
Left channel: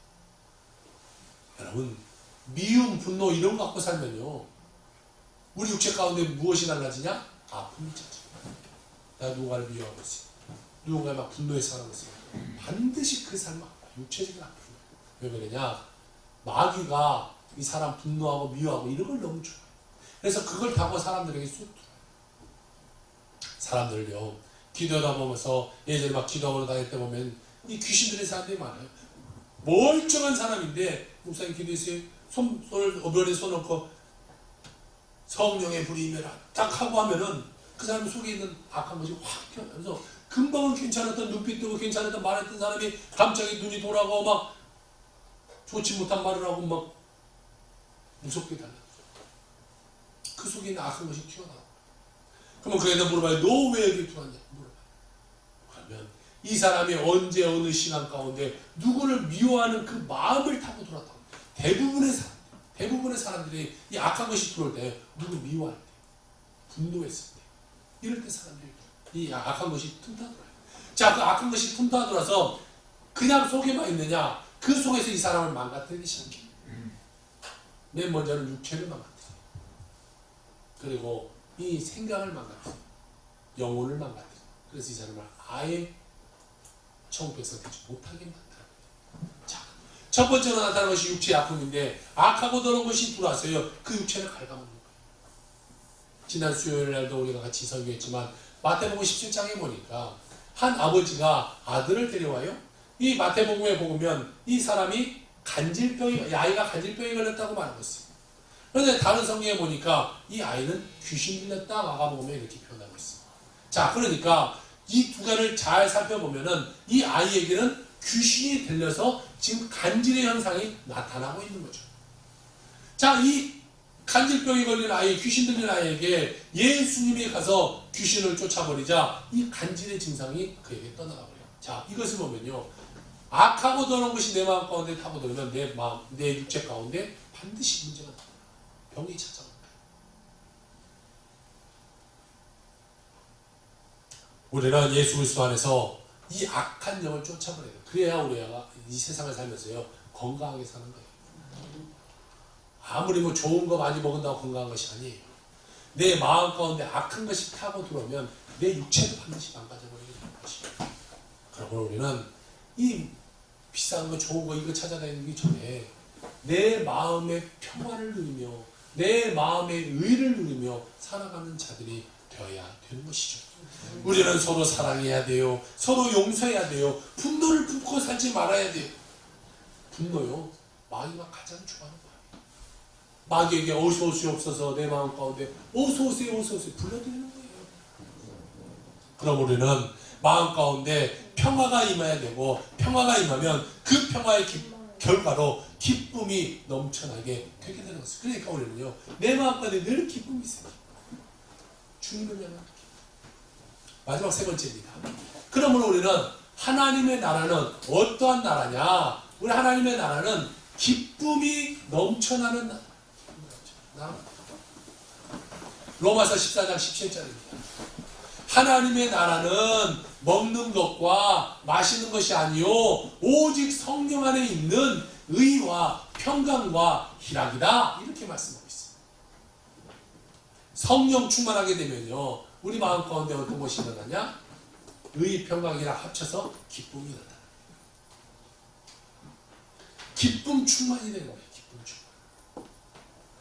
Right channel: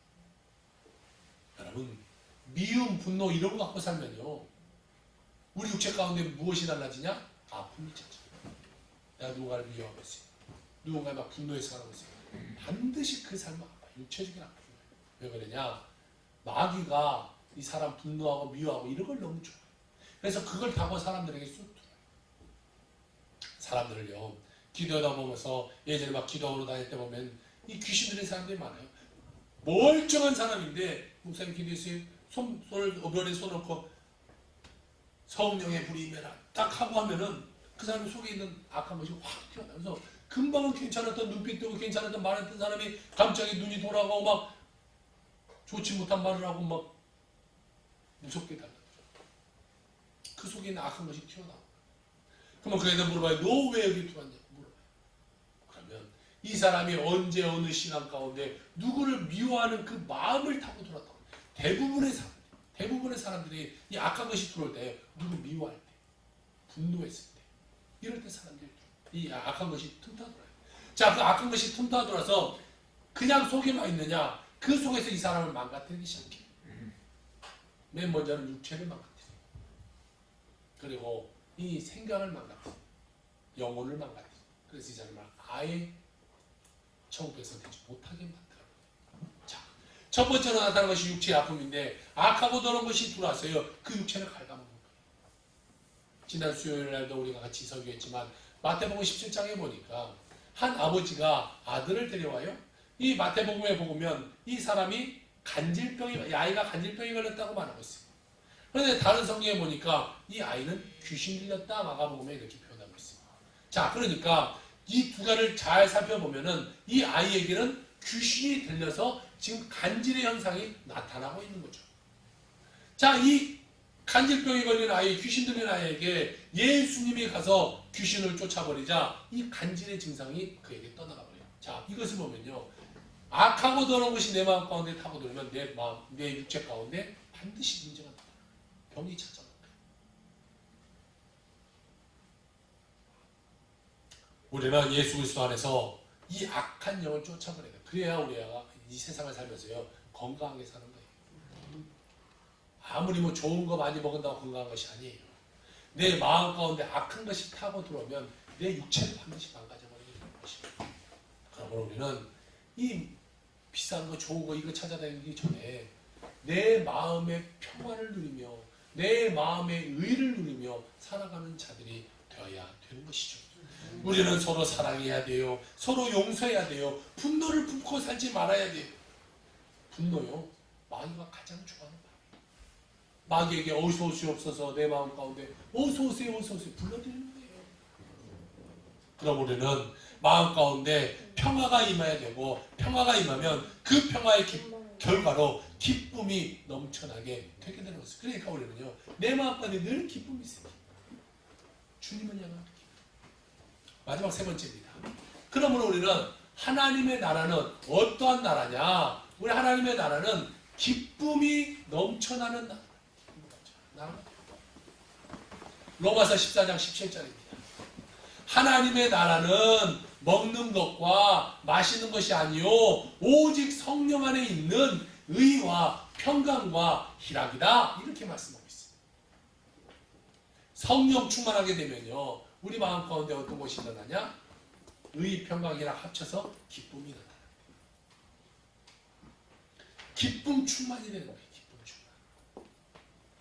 여러분, 미움, 분노 이런 거 갖고 살면요, 우리 육체 가운데 무엇이 달라지냐? 아픔이 찾아요. 내가 누군가를 미워하고 있어요. 누군가에 막 분노해서 살아가고 있어요. 반드시 그 삶은 육체적인 아픔이에요. 왜 그러냐? 마귀가 이 사람 분노하고 미워하고 이런 걸 너무 좋아해요. 그래서 그걸 타고 사람들에게 쑥 들어요. 사람들을요, 기도하다 보면서 예전에 막 기도하러 다닐 때 보면 이 귀신 들린 사람들이 많아요. 멀쩡한 사람인데 목사님 기도했어요. 손을 오별에 손 놓고 성령의 불이 임해라 딱 하고 하면은 그 사람 속에 있는 악한 것이 확 튀어나와서 금방은 괜찮았던, 눈빛 뜨고 괜찮았던 말했던 사람이 갑자기 눈이 돌아가고 막 좋지 못한 말을 하고 막 무섭게 달라요. 그 속에 있는 악한 것이 튀어나와요. 그러면 그에게 물어봐요. 너 왜 여기 들어왔냐? 물어봐요. 그러면 이 사람이 언제 어느 시간 가운데 누구를 미워하는 그 마음을 타고 들어왔다고. 대부분의 사람들이 이 악한 것이 들어올 때, 누구 미워할 때, 분노했을 때, 이럴 때 사람들이 이 악한 것이 틈타들어요. 자, 그 악한 것이 틈타들어서 그냥 속에만 있느냐? 그 속에서 이 사람을 망가뜨리기 시작해요. 맨 먼저는 육체를 망가뜨려요. 그리고 이 생각을 망가뜨려요. 영혼을 망가뜨려요. 그래서 이 사람을 아예 천국에서 되지 못하게 만들어요. 자, 첫 번째로 나타나는 것이 육체의 아픔인데, 악하고 더러운 것이 들어왔어요. 그 육체를 갉아먹는 거예요. 지난 수요일 날도 우리가 같이 설교했지만 마태복음 17장에 보니까 한 아버지가 아들을 데려와요. 이 마태복음에 보면 이 사람이 아이가 간질병이 걸렸다고 말하고 있어요. 그런데 다른 성경에 보니까 이 아이는 귀신 들렸다 마가복음에 이렇게 표현하고 있습니다. 자, 그러니까 이 두 가지를 잘 살펴보면은 이 아이에게는 귀신이 들려서 지금 간질의 현상이 나타나고 있는 거죠. 자, 이 간질병이 걸린 아이, 귀신 들린 아이에게 예수님이 가서 귀신을 쫓아버리자 이 간질의 증상이 그에게 떠나가버려요. 자, 이것을 보면요, 악하고 더러운 것이 내 마음 가운데 타고 들으면 내 육체 가운데 반드시 문제가 나요. 병이 찾아옵니다. 우리는 예수 그리스도 안에서 이 악한 영을 쫓아버려야 돼요. 그래야 우리가 이 세상을 살면서요, 건강하게 사는 거예요. 아무리 좋은 거 많이 먹은다고 건강한 것이 아니에요. 내 마음 가운데 악한 것이 타고 들어오면 내 육체도 반드시 망가져버리게 되는 것입니다. 그러므로 우리는 이 비싼 거, 좋은 거 이거 찾아다니기 전에 내 마음의 평화를 누리며 내 마음의 의를 누리며 살아가는 자들이 되어야 되는 것이죠. 우리는 서로 사랑해야 돼요. 서로 용서해야 돼요. 분노를 품고 살지 말아야 돼요. 분노요, 마귀가 가장 좋아하는 거예요. 마귀에게 어서 오시옵소서 내 마음 가운데 어서 오세요, 어서 오세요 불러드리는 거예요. 그럼 우리는 마음 가운데 평화가 임해야 되고, 평화가 임하면 그 평화의 결과로 기쁨이 넘쳐나게 되게 되는 것이죠. 그러니까 우리는요, 내 마음 가운데 늘 기쁨이 있어요. 주님을 향한 기쁨. 마지막 세 번째입니다. 그러므로 우리는 하나님의 나라는 어떠한 나라냐? 우리 하나님의 나라는 기쁨이 넘쳐나는 나라. 로마서 14장 17절입니다. 하나님의 나라는 먹는 것과 마시는 것이 아니요 오직 성령 안에 있는 의와 평강과 희락이다. 이렇게 말씀하고 있습니다. 성령 충만하게 되면요 우리 마음 가운데 어떤 것이 일어나냐? 의, 평강, 희락 합쳐서 기쁨이 일어나요. 기쁨 충만이 되는 거예요. 기쁨 충만.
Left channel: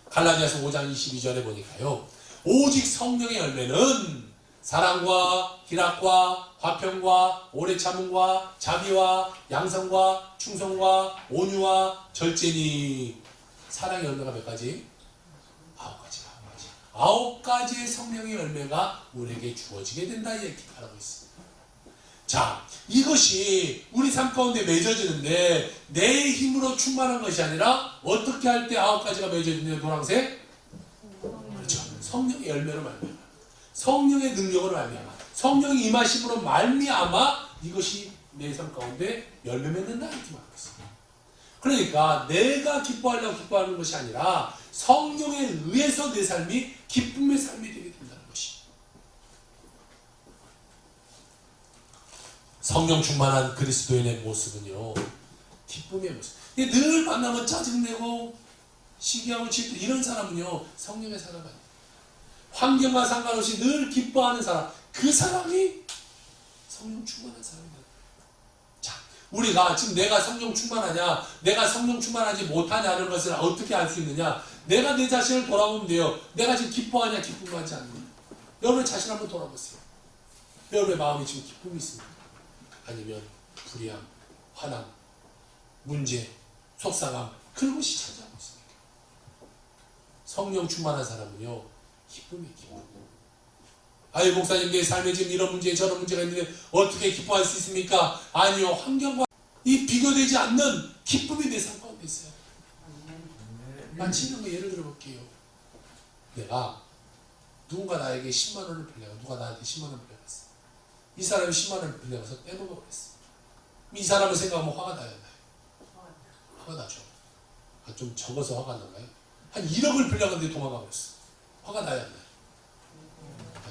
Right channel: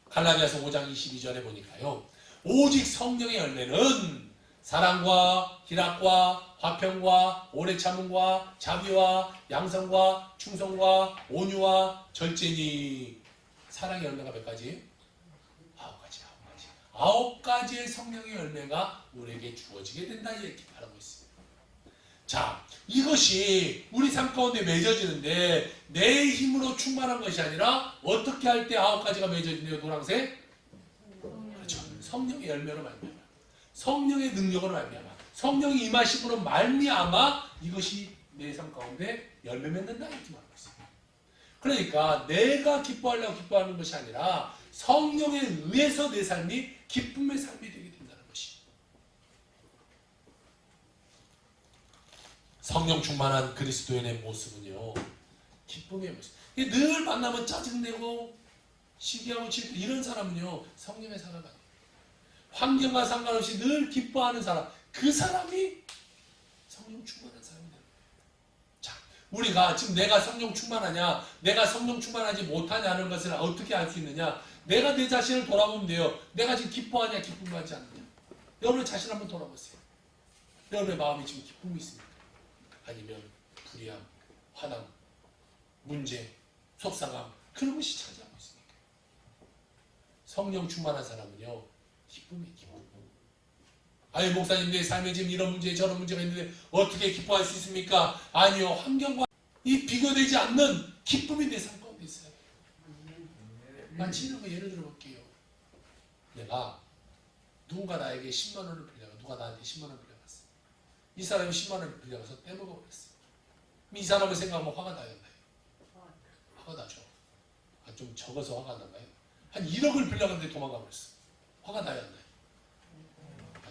갈라디아서 5장 22절에 보니까요 오직 성령의 열매는 사랑과 희락과 화평과 오래 참음과 자비와 양성과 충성과 온유와 절제니. 사랑의 열매가 몇 가지? 9가지. 9가지의 성령의 열매가 우리에게 주어지게 된다 이렇게 말하고 있습니다. 자, 이것이 우리 삶 가운데 맺어지는데 내 힘으로 충만한 것이 아니라 어떻게 할 때 9가지가 맺어지는데 노란색? 그렇죠. 성령의 열매로 말미암아. 성령의 능력으로 말미암아. 성령이 임하심으로 말미암아 이것이 내 삶 가운데 열매 맺는다 이렇게 말하고 있습니다. 그러니까 내가 기뻐하려고 기뻐하는 것이 아니라 성령에 의해서 내 삶이 기쁨의 삶이 되게 된다는 것이. 성령 충만한 그리스도인의 모습은요 기쁨의 모습. 늘 만나면 짜증내고 시기하고 질투 이런 사람은요 성령의 사람 아니에요. 환경과 상관없이 늘 기뻐하는 사람, 그 사람이 성령 충만한 사람이에요. 자, 우리가 지금 내가 성령 충만하냐, 내가 성령 충만하지 못하냐는 것을 어떻게 알 수 있느냐? 내가 내 자신을 돌아보면 돼요. 내가 지금 기뻐하냐, 기쁨하지 않느냐? 여러분 자신 한번 돌아보세요. 여러분의 마음에 지금 기쁨이 있습니까? 아니면 불의함, 화남, 문제, 속상함 그런 것이 차지하고 있습니까? 성령 충만한 사람은요 기쁨이 기쁨. 아유 목사님 내 삶에 지금 이런 문제 저런 문제가 있는데 어떻게 기뻐할 수 있습니까? 아니요 환경과 이 비교되지 않는 기쁨이 내 삶 가운데 있어요. 만지는 거 예를 들어 볼게요. 내가 누군가 나에게 10만 원을 빌려가 누가 나한테 10만 원을 빌려갔어. 이 사람이 10만 원을 빌려가서 떼먹어 버렸어. 이 사람을 생각하면 화가 나요? 화가 나죠. 좀 적어서 화가 나나요? 한 1억을 빌려갔는데 도망가 버렸어. 화가 나요? 안 나요?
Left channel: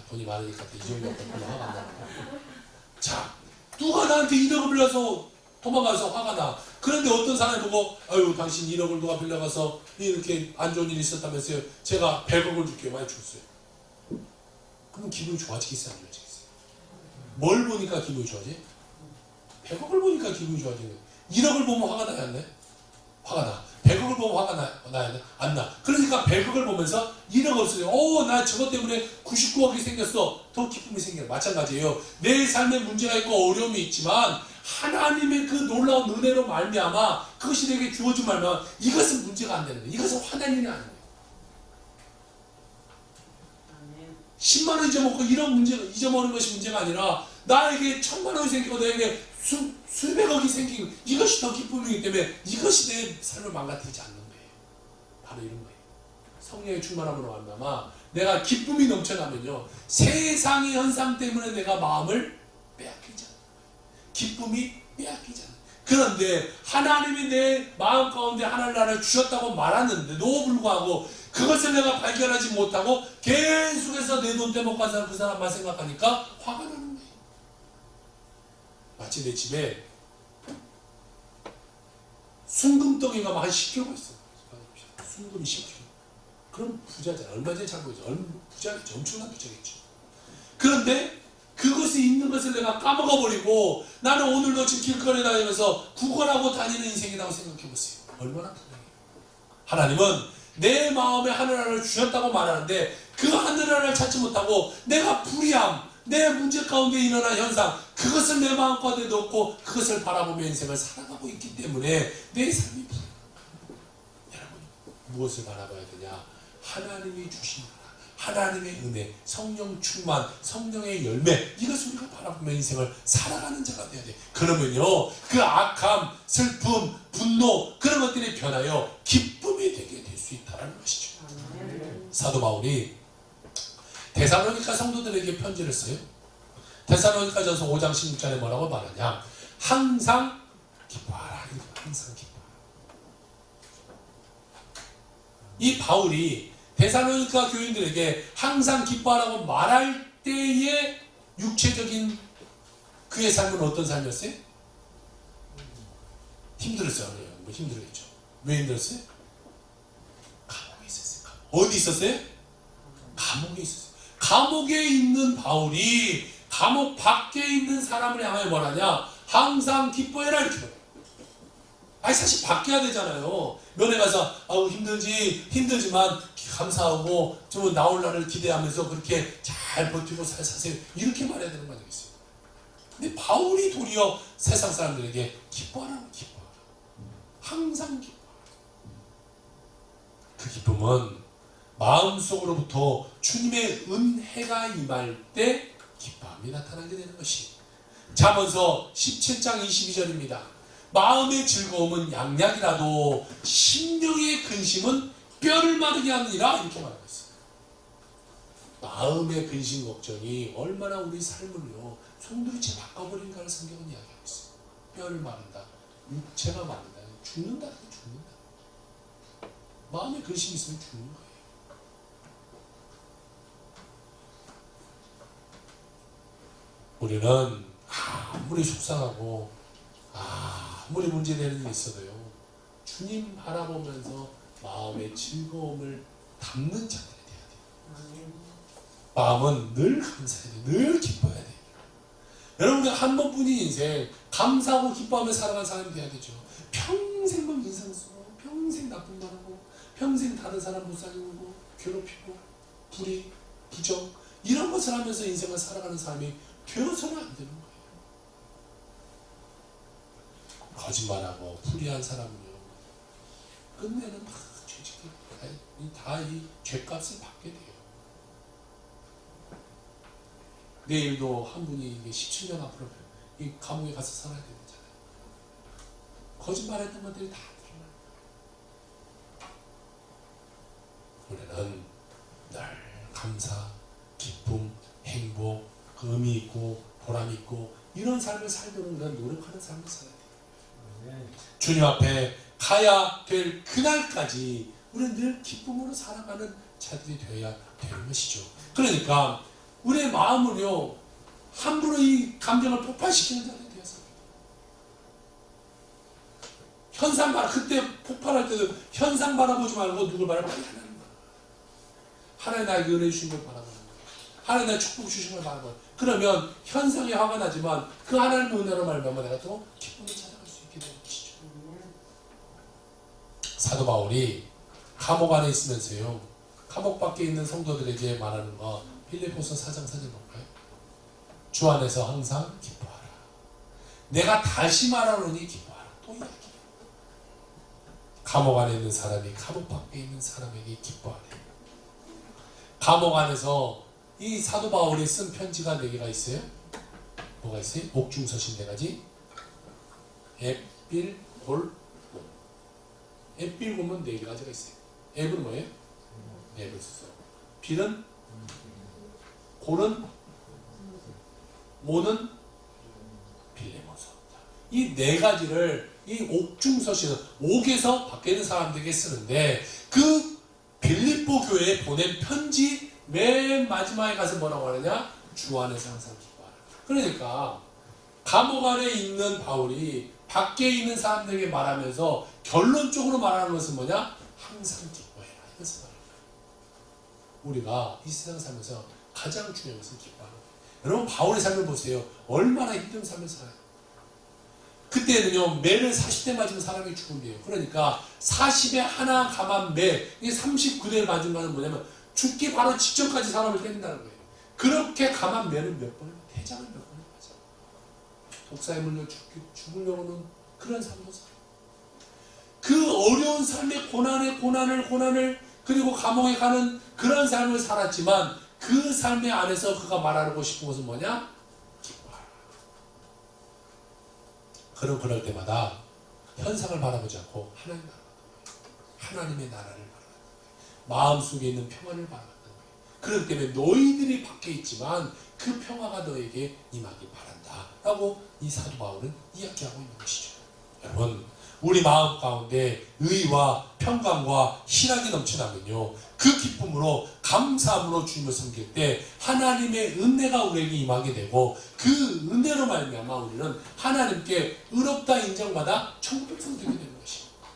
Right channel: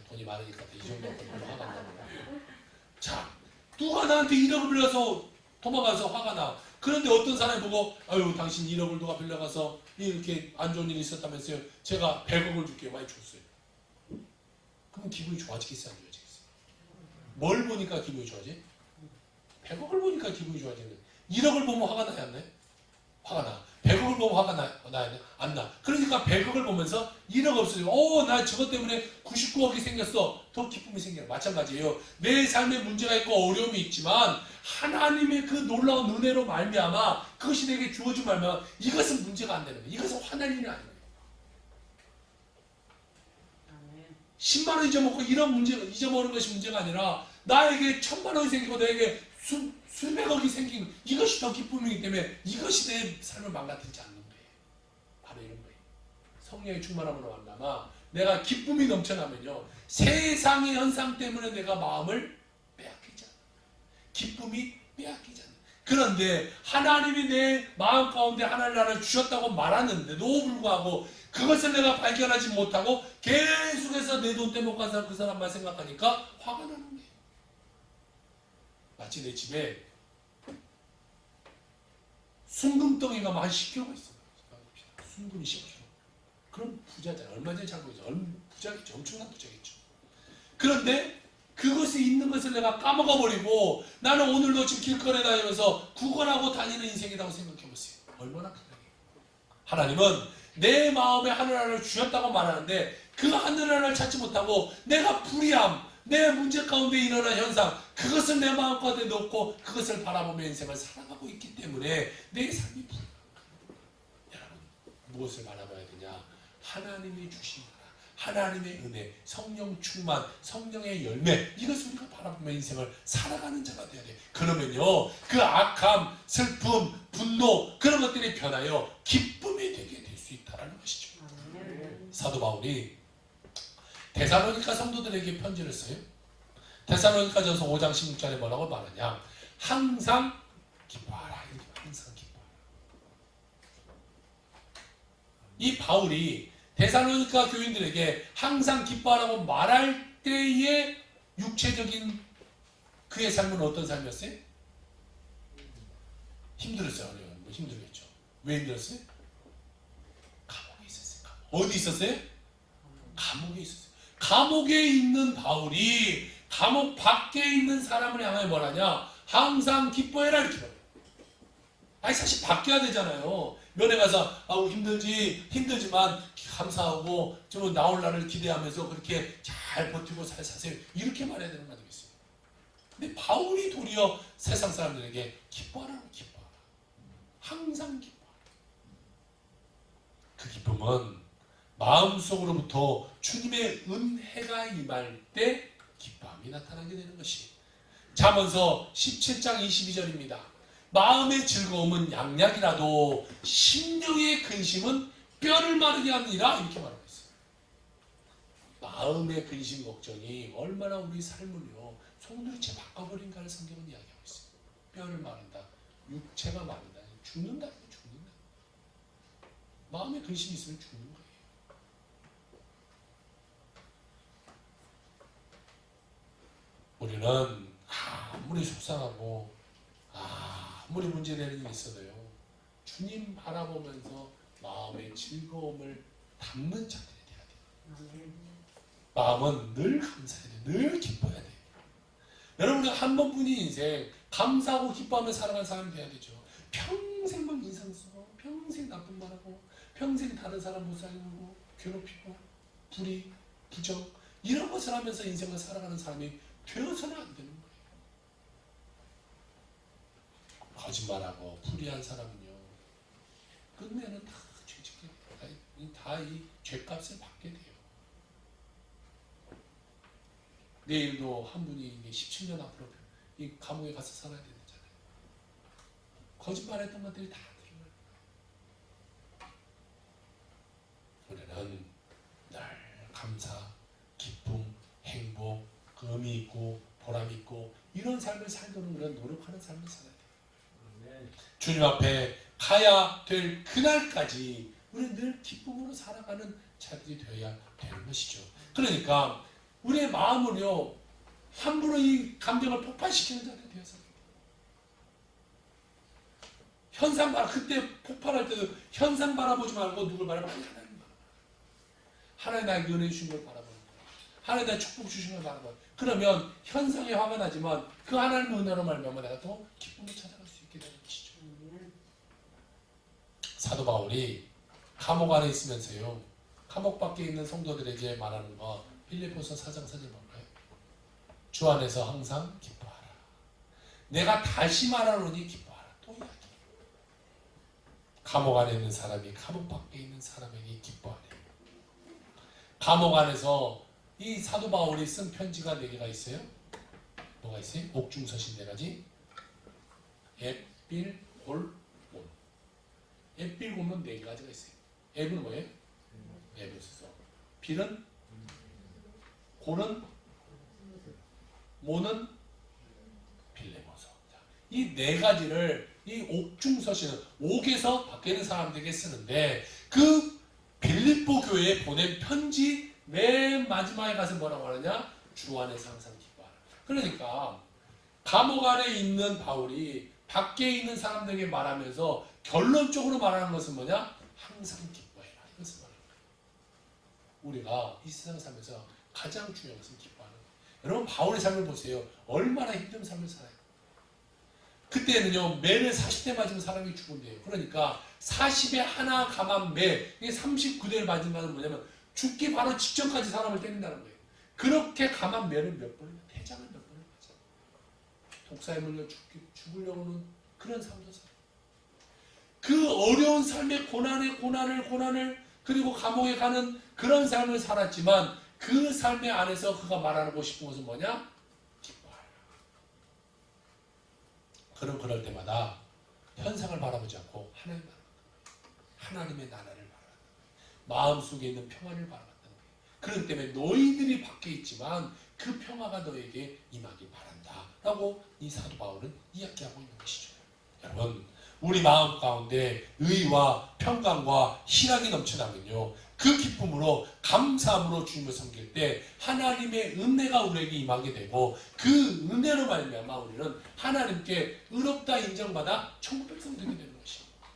돈이 많으니까 이 정도 갖고 화가 안 나요. 자, 누가 나한테 1억을 빌려서 도망가서 화가 나. 그런데 어떤 사람이 보고 아유 당신 1억을 누가 빌려가서 이렇게 안 좋은 일이 있었다면서요. 제가 100억을 줄게요. 많이 줬어요. 그러면 기분이 좋아지겠어요? 안 좋아지겠어요? 뭘 보니까 기분이 좋아지? 100억을 보니까 기분이 좋아지는 거예요. 1억을 보면 화가 나요? 안 나요? 화가 나. 100억을 보면 화가 나요? 안 나. 그러니까 100억을 보면서 1억 없어요. 나 저것 때문에 99억이 생겼어. 더 기쁨이 생겨요. 마찬가지예요. 내 삶에 문제가 있고 어려움이 있지만 하나님의 그 놀라운 은혜로 말미암아 그것이 내게 주어진 말미암아 이것은 문제가 안 되는 거예요. 이것은 화낼 일이 아닌 거예요. 10만 원 잊어먹고 이런 문제가 잊어먹는 것이 문제가 아니라 나에게 1000만 원이 생기고 너에게 수백억이 생기고 이것이 더 기쁨이기 때문에 이것이 내 삶을 망가뜨리지 않는 거예요. 바로 이런 거예요. 성령의 충만함으로 말미암아 내가 기쁨이 넘쳐나면요 세상의 현상 때문에 내가 마음을 빼앗기지 않아요. 기쁨이 빼앗기지 않아요. 그런데 하나님이 내 마음 가운데 하나님 나라를 주셨다고 말하는데도 불구하고 그것을 내가 발견하지 못하고 계속해서 내 돈 떼먹고 가서 그 사람만 생각하니까 화가 나는 거예요. 마치 내 집에 순금덩이가 막 한 10kg 있어. 순금이 10kg. 그럼 부자잖아. 얼마 전에 잘 보이죠. 부자겠죠. 엄청난 부자겠죠. 그런데 그것이 있는 것을 내가 까먹어버리고 나는 오늘도 지금 길거리에 다니면서 구걸하고 다니는 인생이라고 생각해보세요. 얼마나 불행해요. 하나님은 내 마음에 하늘하나를 주셨다고 말하는데 그 하늘하나를 찾지 못하고 내가 불의함, 내 문제 가운데 일어난 현상 그것을 내 마음 가운데 넣고 그것을 바라보며 인생을 살아가고 있기 때문에 내 삶이 불행합니다. 여러분 무엇을 바라봐야 되냐? 하나님이 주신 나라, 하나님의 은혜, 성령 충만, 성령의 열매 이것을 우리가 바라보며 인생을 살아가는 자가 되어야 돼. 그러면요 그 악함, 슬픔, 분노 그런 것들이 변하여 기쁨이 되게 될 수 있다는 것이죠. 사도 바울이 데살로니가 성도들에게 편지를 써요. 데살로니가전서 5장 16절에 뭐라고 말하냐? 항상 기뻐하라. 항상 기뻐하라. 이 바울이 데살로니가 교인들에게 항상 기뻐하라고 말할 때의 육체적인 그의 삶은 어떤 삶이었어요? 힘들었어요. 뭐 힘들었죠. 왜 힘들었어요? 감옥에 있었어요. 어디 있었어요? 감옥에 있었어요. 감옥에 있는 바울이 감옥 밖에 있는 사람을 향하여 뭐라냐? 항상 기뻐해라 이렇게 말해요. 아니 사실 바뀌어야 되잖아요. 면회 가서 아우 힘들지만 감사하고 좀 나올 날을 기대하면서 그렇게 잘 버티고 사세요. 이렇게 말해야 되는 거 아니겠어요? 근데 바울이 도리어 세상 사람들에게 기뻐하라고 기뻐하라. 항상 기뻐하라. 그 기쁨은 마음속으로부터 주님의 은혜가 임할 때 기뻐함이 나타나게 되는 것이 잠언서 17장 22절입니다. 마음의 즐거움은 양약이라도 심령의 근심은 뼈를 마르게 하느니라 이렇게 말하고 있어요. 마음의 근심 걱정이 얼마나 우리 삶을요 송두리째 바꿔버린가를 성경은 이야기하고 있어요. 뼈를 마른다. 육체가 마른다. 죽는다. 마음의 근심이 있으면 죽는 거예요. 우리는 아무리 속상하고 아무리 문제되는 일이 있어도요 주님 바라보면서 마음의 즐거움을 담는 자들이 돼야 돼요. 마음은 늘 감사해야 돼요. 늘 기뻐해야 돼요. 여러분 한 번뿐인 인생 감사하고 기뻐하며 살아가는 사람이 돼야 되죠. 평생 막 인상 쓰고 평생 나쁜 말하고 평생 다른 사람 불쌍히고 괴롭히고 불의, 부정 이런 것을 하면서 인생을 살아가는 사람이 되어서는 안 되는 거예요. 거짓말하고 불의한 사람은요 끝내는 다 죄짓게 다 이 죄값을 받게 돼요. 내일도 한 분이 17년 앞으로 이 감옥에 가서 살아야 되잖아요. 거짓말했던 것들이 다 드러나요. 우리는 늘 감사, 기쁨, 행복, 의미 있고 보람 있고 이런 삶을 살도록 그런 노력하는 삶을 살아야 돼요. 주님 앞에 가야 될 그날까지 우리는 늘 기쁨으로 살아가는 자들이 되어야 되는 것이죠. 그러니까 우리의 마음을요 함부로 이 감정을 폭발시키는 자들이 되어서 현상 바라 그때 폭발할 때도 현상 바라보지 말고 누굴 바라보지 하나님 바라봐. 하나님 나에게 은혜 주신 걸 바라보는 거예요. 하나님 나에게 축복 주신 걸 바라보는 거예요. 그러면 현상에 화가 나지만 그 하나님의 은혜로 말미암아 내가 또 기쁨을 찾아갈 수 있게 되는 것이죠. 사도 바울이 감옥 안에 있으면서요 감옥 밖에 있는 성도들에게 말하는 거 빌립보서 4장 4절 볼까요? 주 안에서 항상 기뻐하라. 내가 다시 말하노니 기뻐하라. 또 이야기. 감옥 안에 있는 사람이 감옥 밖에 있는 사람에게 기뻐하래. 감옥 안에서 이 사도 바울이 쓴 편지가 4개가 있어요. 뭐가 있어요? 옥중서신 4가지. 엡, 빌, 골, 몬. 엡, 빌, 골은 4가지가 있어요. 엡은 뭐예요? 엡을 쓰죠. 빌은 골은 모는 빌레모서. 이 4가지를 이 옥중서신 옥에서 밖에 있는 사람들에게 쓰는데 그 빌립보 교회에 보낸 편지 맨 마지막에 가서 뭐라고 하느냐? 주 안에서 항상 기뻐하라. 그러니까 감옥 안에 있는 바울이 밖에 있는 사람들에게 말하면서 결론적으로 말하는 것은 뭐냐? 항상 기뻐해라. 이것을 말합니다. 우리가 이 세상 살면서 가장 중요한 것은 기뻐하는 거예요. 여러분 바울의 삶을 보세요. 얼마나 힘든 삶을 살아요. 그때는요 매를 40대 맞은 사람이 죽은대요. 그러니까 40에 하나 감한 매, 이게 39대를 맞은 거는 뭐냐면 죽기 바로 직전까지 사람을 때린다는 거예요. 그렇게 감한 매를 몇 번을 대장을 몇 번을 맞아. 독사에 물려 죽으려고는 그런 삶도 살아요. 그 어려운 삶의 고난을 그리고 감옥에 가는 그런 삶을 살았지만 그 삶의 안에서 그가 말하고 싶은 것은 뭐냐? 기뻐하라. 그럴 때마다 현상을 바라보지 않고 하나님 바라봤던 거예요. 하나님의 나라를 바라봤던 거예요. 마음속에 있는 평안을 바라봤던 거예요. 그렇기 때문에 너희들이 밖에 있지만 그 평화가 너에게 임하기 바란다. 라고 이 사도 바울은 이야기하고 있는 것이죠. 여러분, 우리 마음 가운데 의와 평강과 희락이 넘쳐나면요, 그 기쁨으로 감사함으로 주님을 섬길 때 하나님의 은혜가 우리에게 임하게 되고, 그 은혜로 말미암아 우리는 하나님께 의롭다 인정받아 천국 백성 되게 되는 것입니다.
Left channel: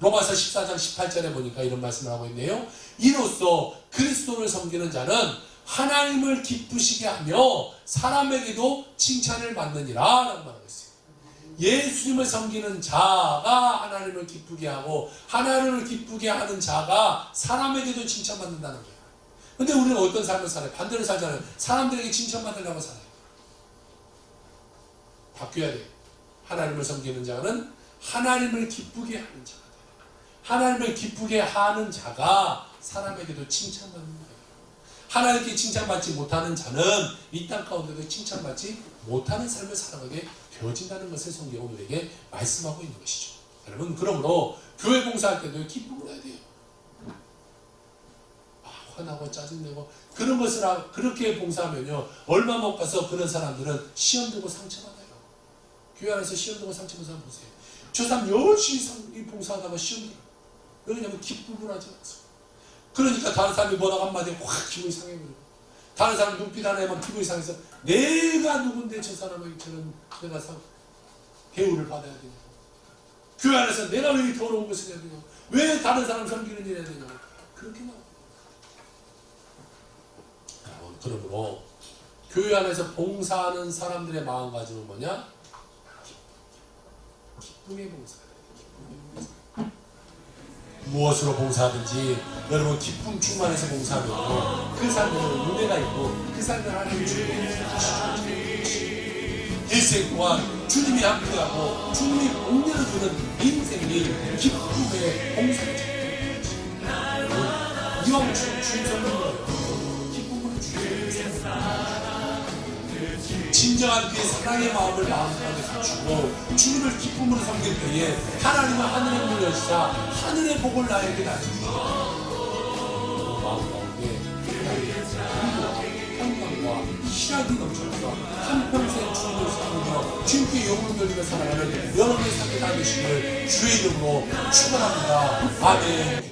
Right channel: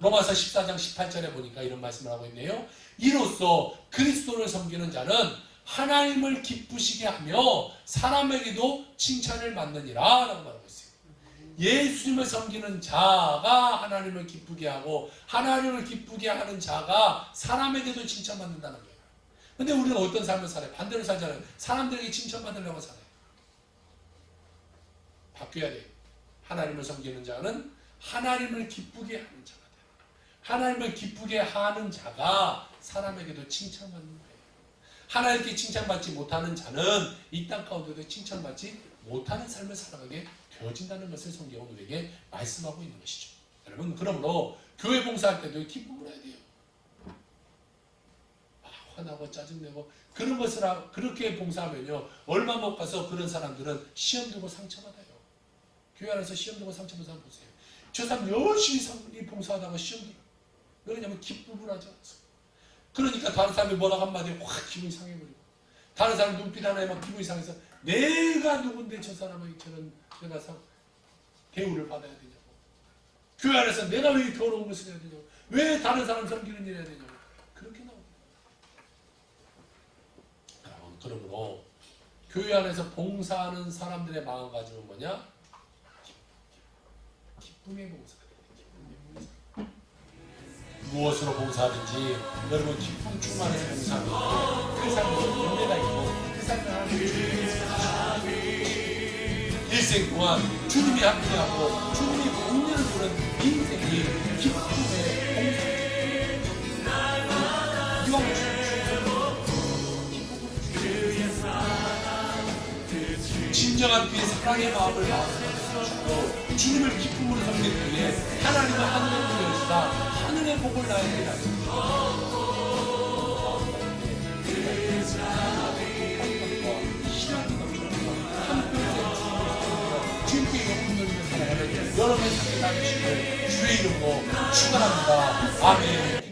로마서 14장 18절에 보니까 이런 말씀을 하고 있네요. 이로써 그리스도를 섬기는 자는 하나님을 기쁘시게 하며 사람에게도 칭찬을 받느니라 라고 말하고 있어요. 예수님을 섬기는 자가 하나님을 기쁘게 하고 하나님을 기쁘게 하는 자가 사람에게도 칭찬받는다는 거예요. 근데 우리는 어떤 삶을 살아요? 반대로 살잖아요. 사람들에게 칭찬받으려고 살아요. 바뀌어야 돼요. 하나님을 섬기는 자는 하나님을 기쁘게 하는 자가 돼요. 하나님을 기쁘게 하는 자가 사람에게도 칭찬받는 거예요. 하나님께 칭찬받지 못하는 자는 이 땅 가운데도 칭찬받지 못하는 삶을 살아가게 되어진다는 것을 성경은 우리에게 말씀하고 있는 것이죠. 여러분, 그러므로 교회 봉사할 때도 기쁨을 해야 돼요. 화나고 짜증내고 그런 것을 그렇게 봉사하면요, 얼마 못 가서 그런 사람들은 시험 두고 상처받아요. 교회 안에서 시험 두고 상처받은 사람 보세요. 저 사람 열심히 봉사하다가 시험 들어요. 왜냐하면 기쁨을 하지 않아서. 그러니까 다른 사람이 뭐라고 한마디에 확 기분이 상해버리고, 다른 사람 눈빛 하나에 막 기분이 상해서 내가 누군데 저 사람에게 저런 내가 대우를 받아야 되냐고, 교회 안에서 내가 왜 더러운 것을 해야 되냐고, 왜 다른 사람 섬기는 일 해야 되냐고, 그렇게 나와요. 그러므로 교회 안에서 봉사하는 사람들의 마음가짐은 뭐냐? 기쁨의 봉사예요. 무엇으로 봉사하든지 여러분 기쁨 충만해서 봉사하면요, 그 삶에는 은혜가 있고 그 삶을 하나님이 주님께 일생 동안 주님이 함께하고 주님이 복리를 주는 인생이 기쁨의 봉사입니다. 이와 같이 주님은 기쁨을 주시고 진정한 그의 사랑의 마음을 마음속에 갖추고 주님을 기쁨으로 섬길 때에 하나님은 하늘의 문을 여시사 하늘의 복을 나에게 나십니다. 마음 가운데 평강과 희락이 넘쳐서 한평생 주님을 섬기며 주님께 영혼을 돌리며 살아가는 여러분의 삶의 삶이시길 주의 이름으로 축원합니다. 아멘.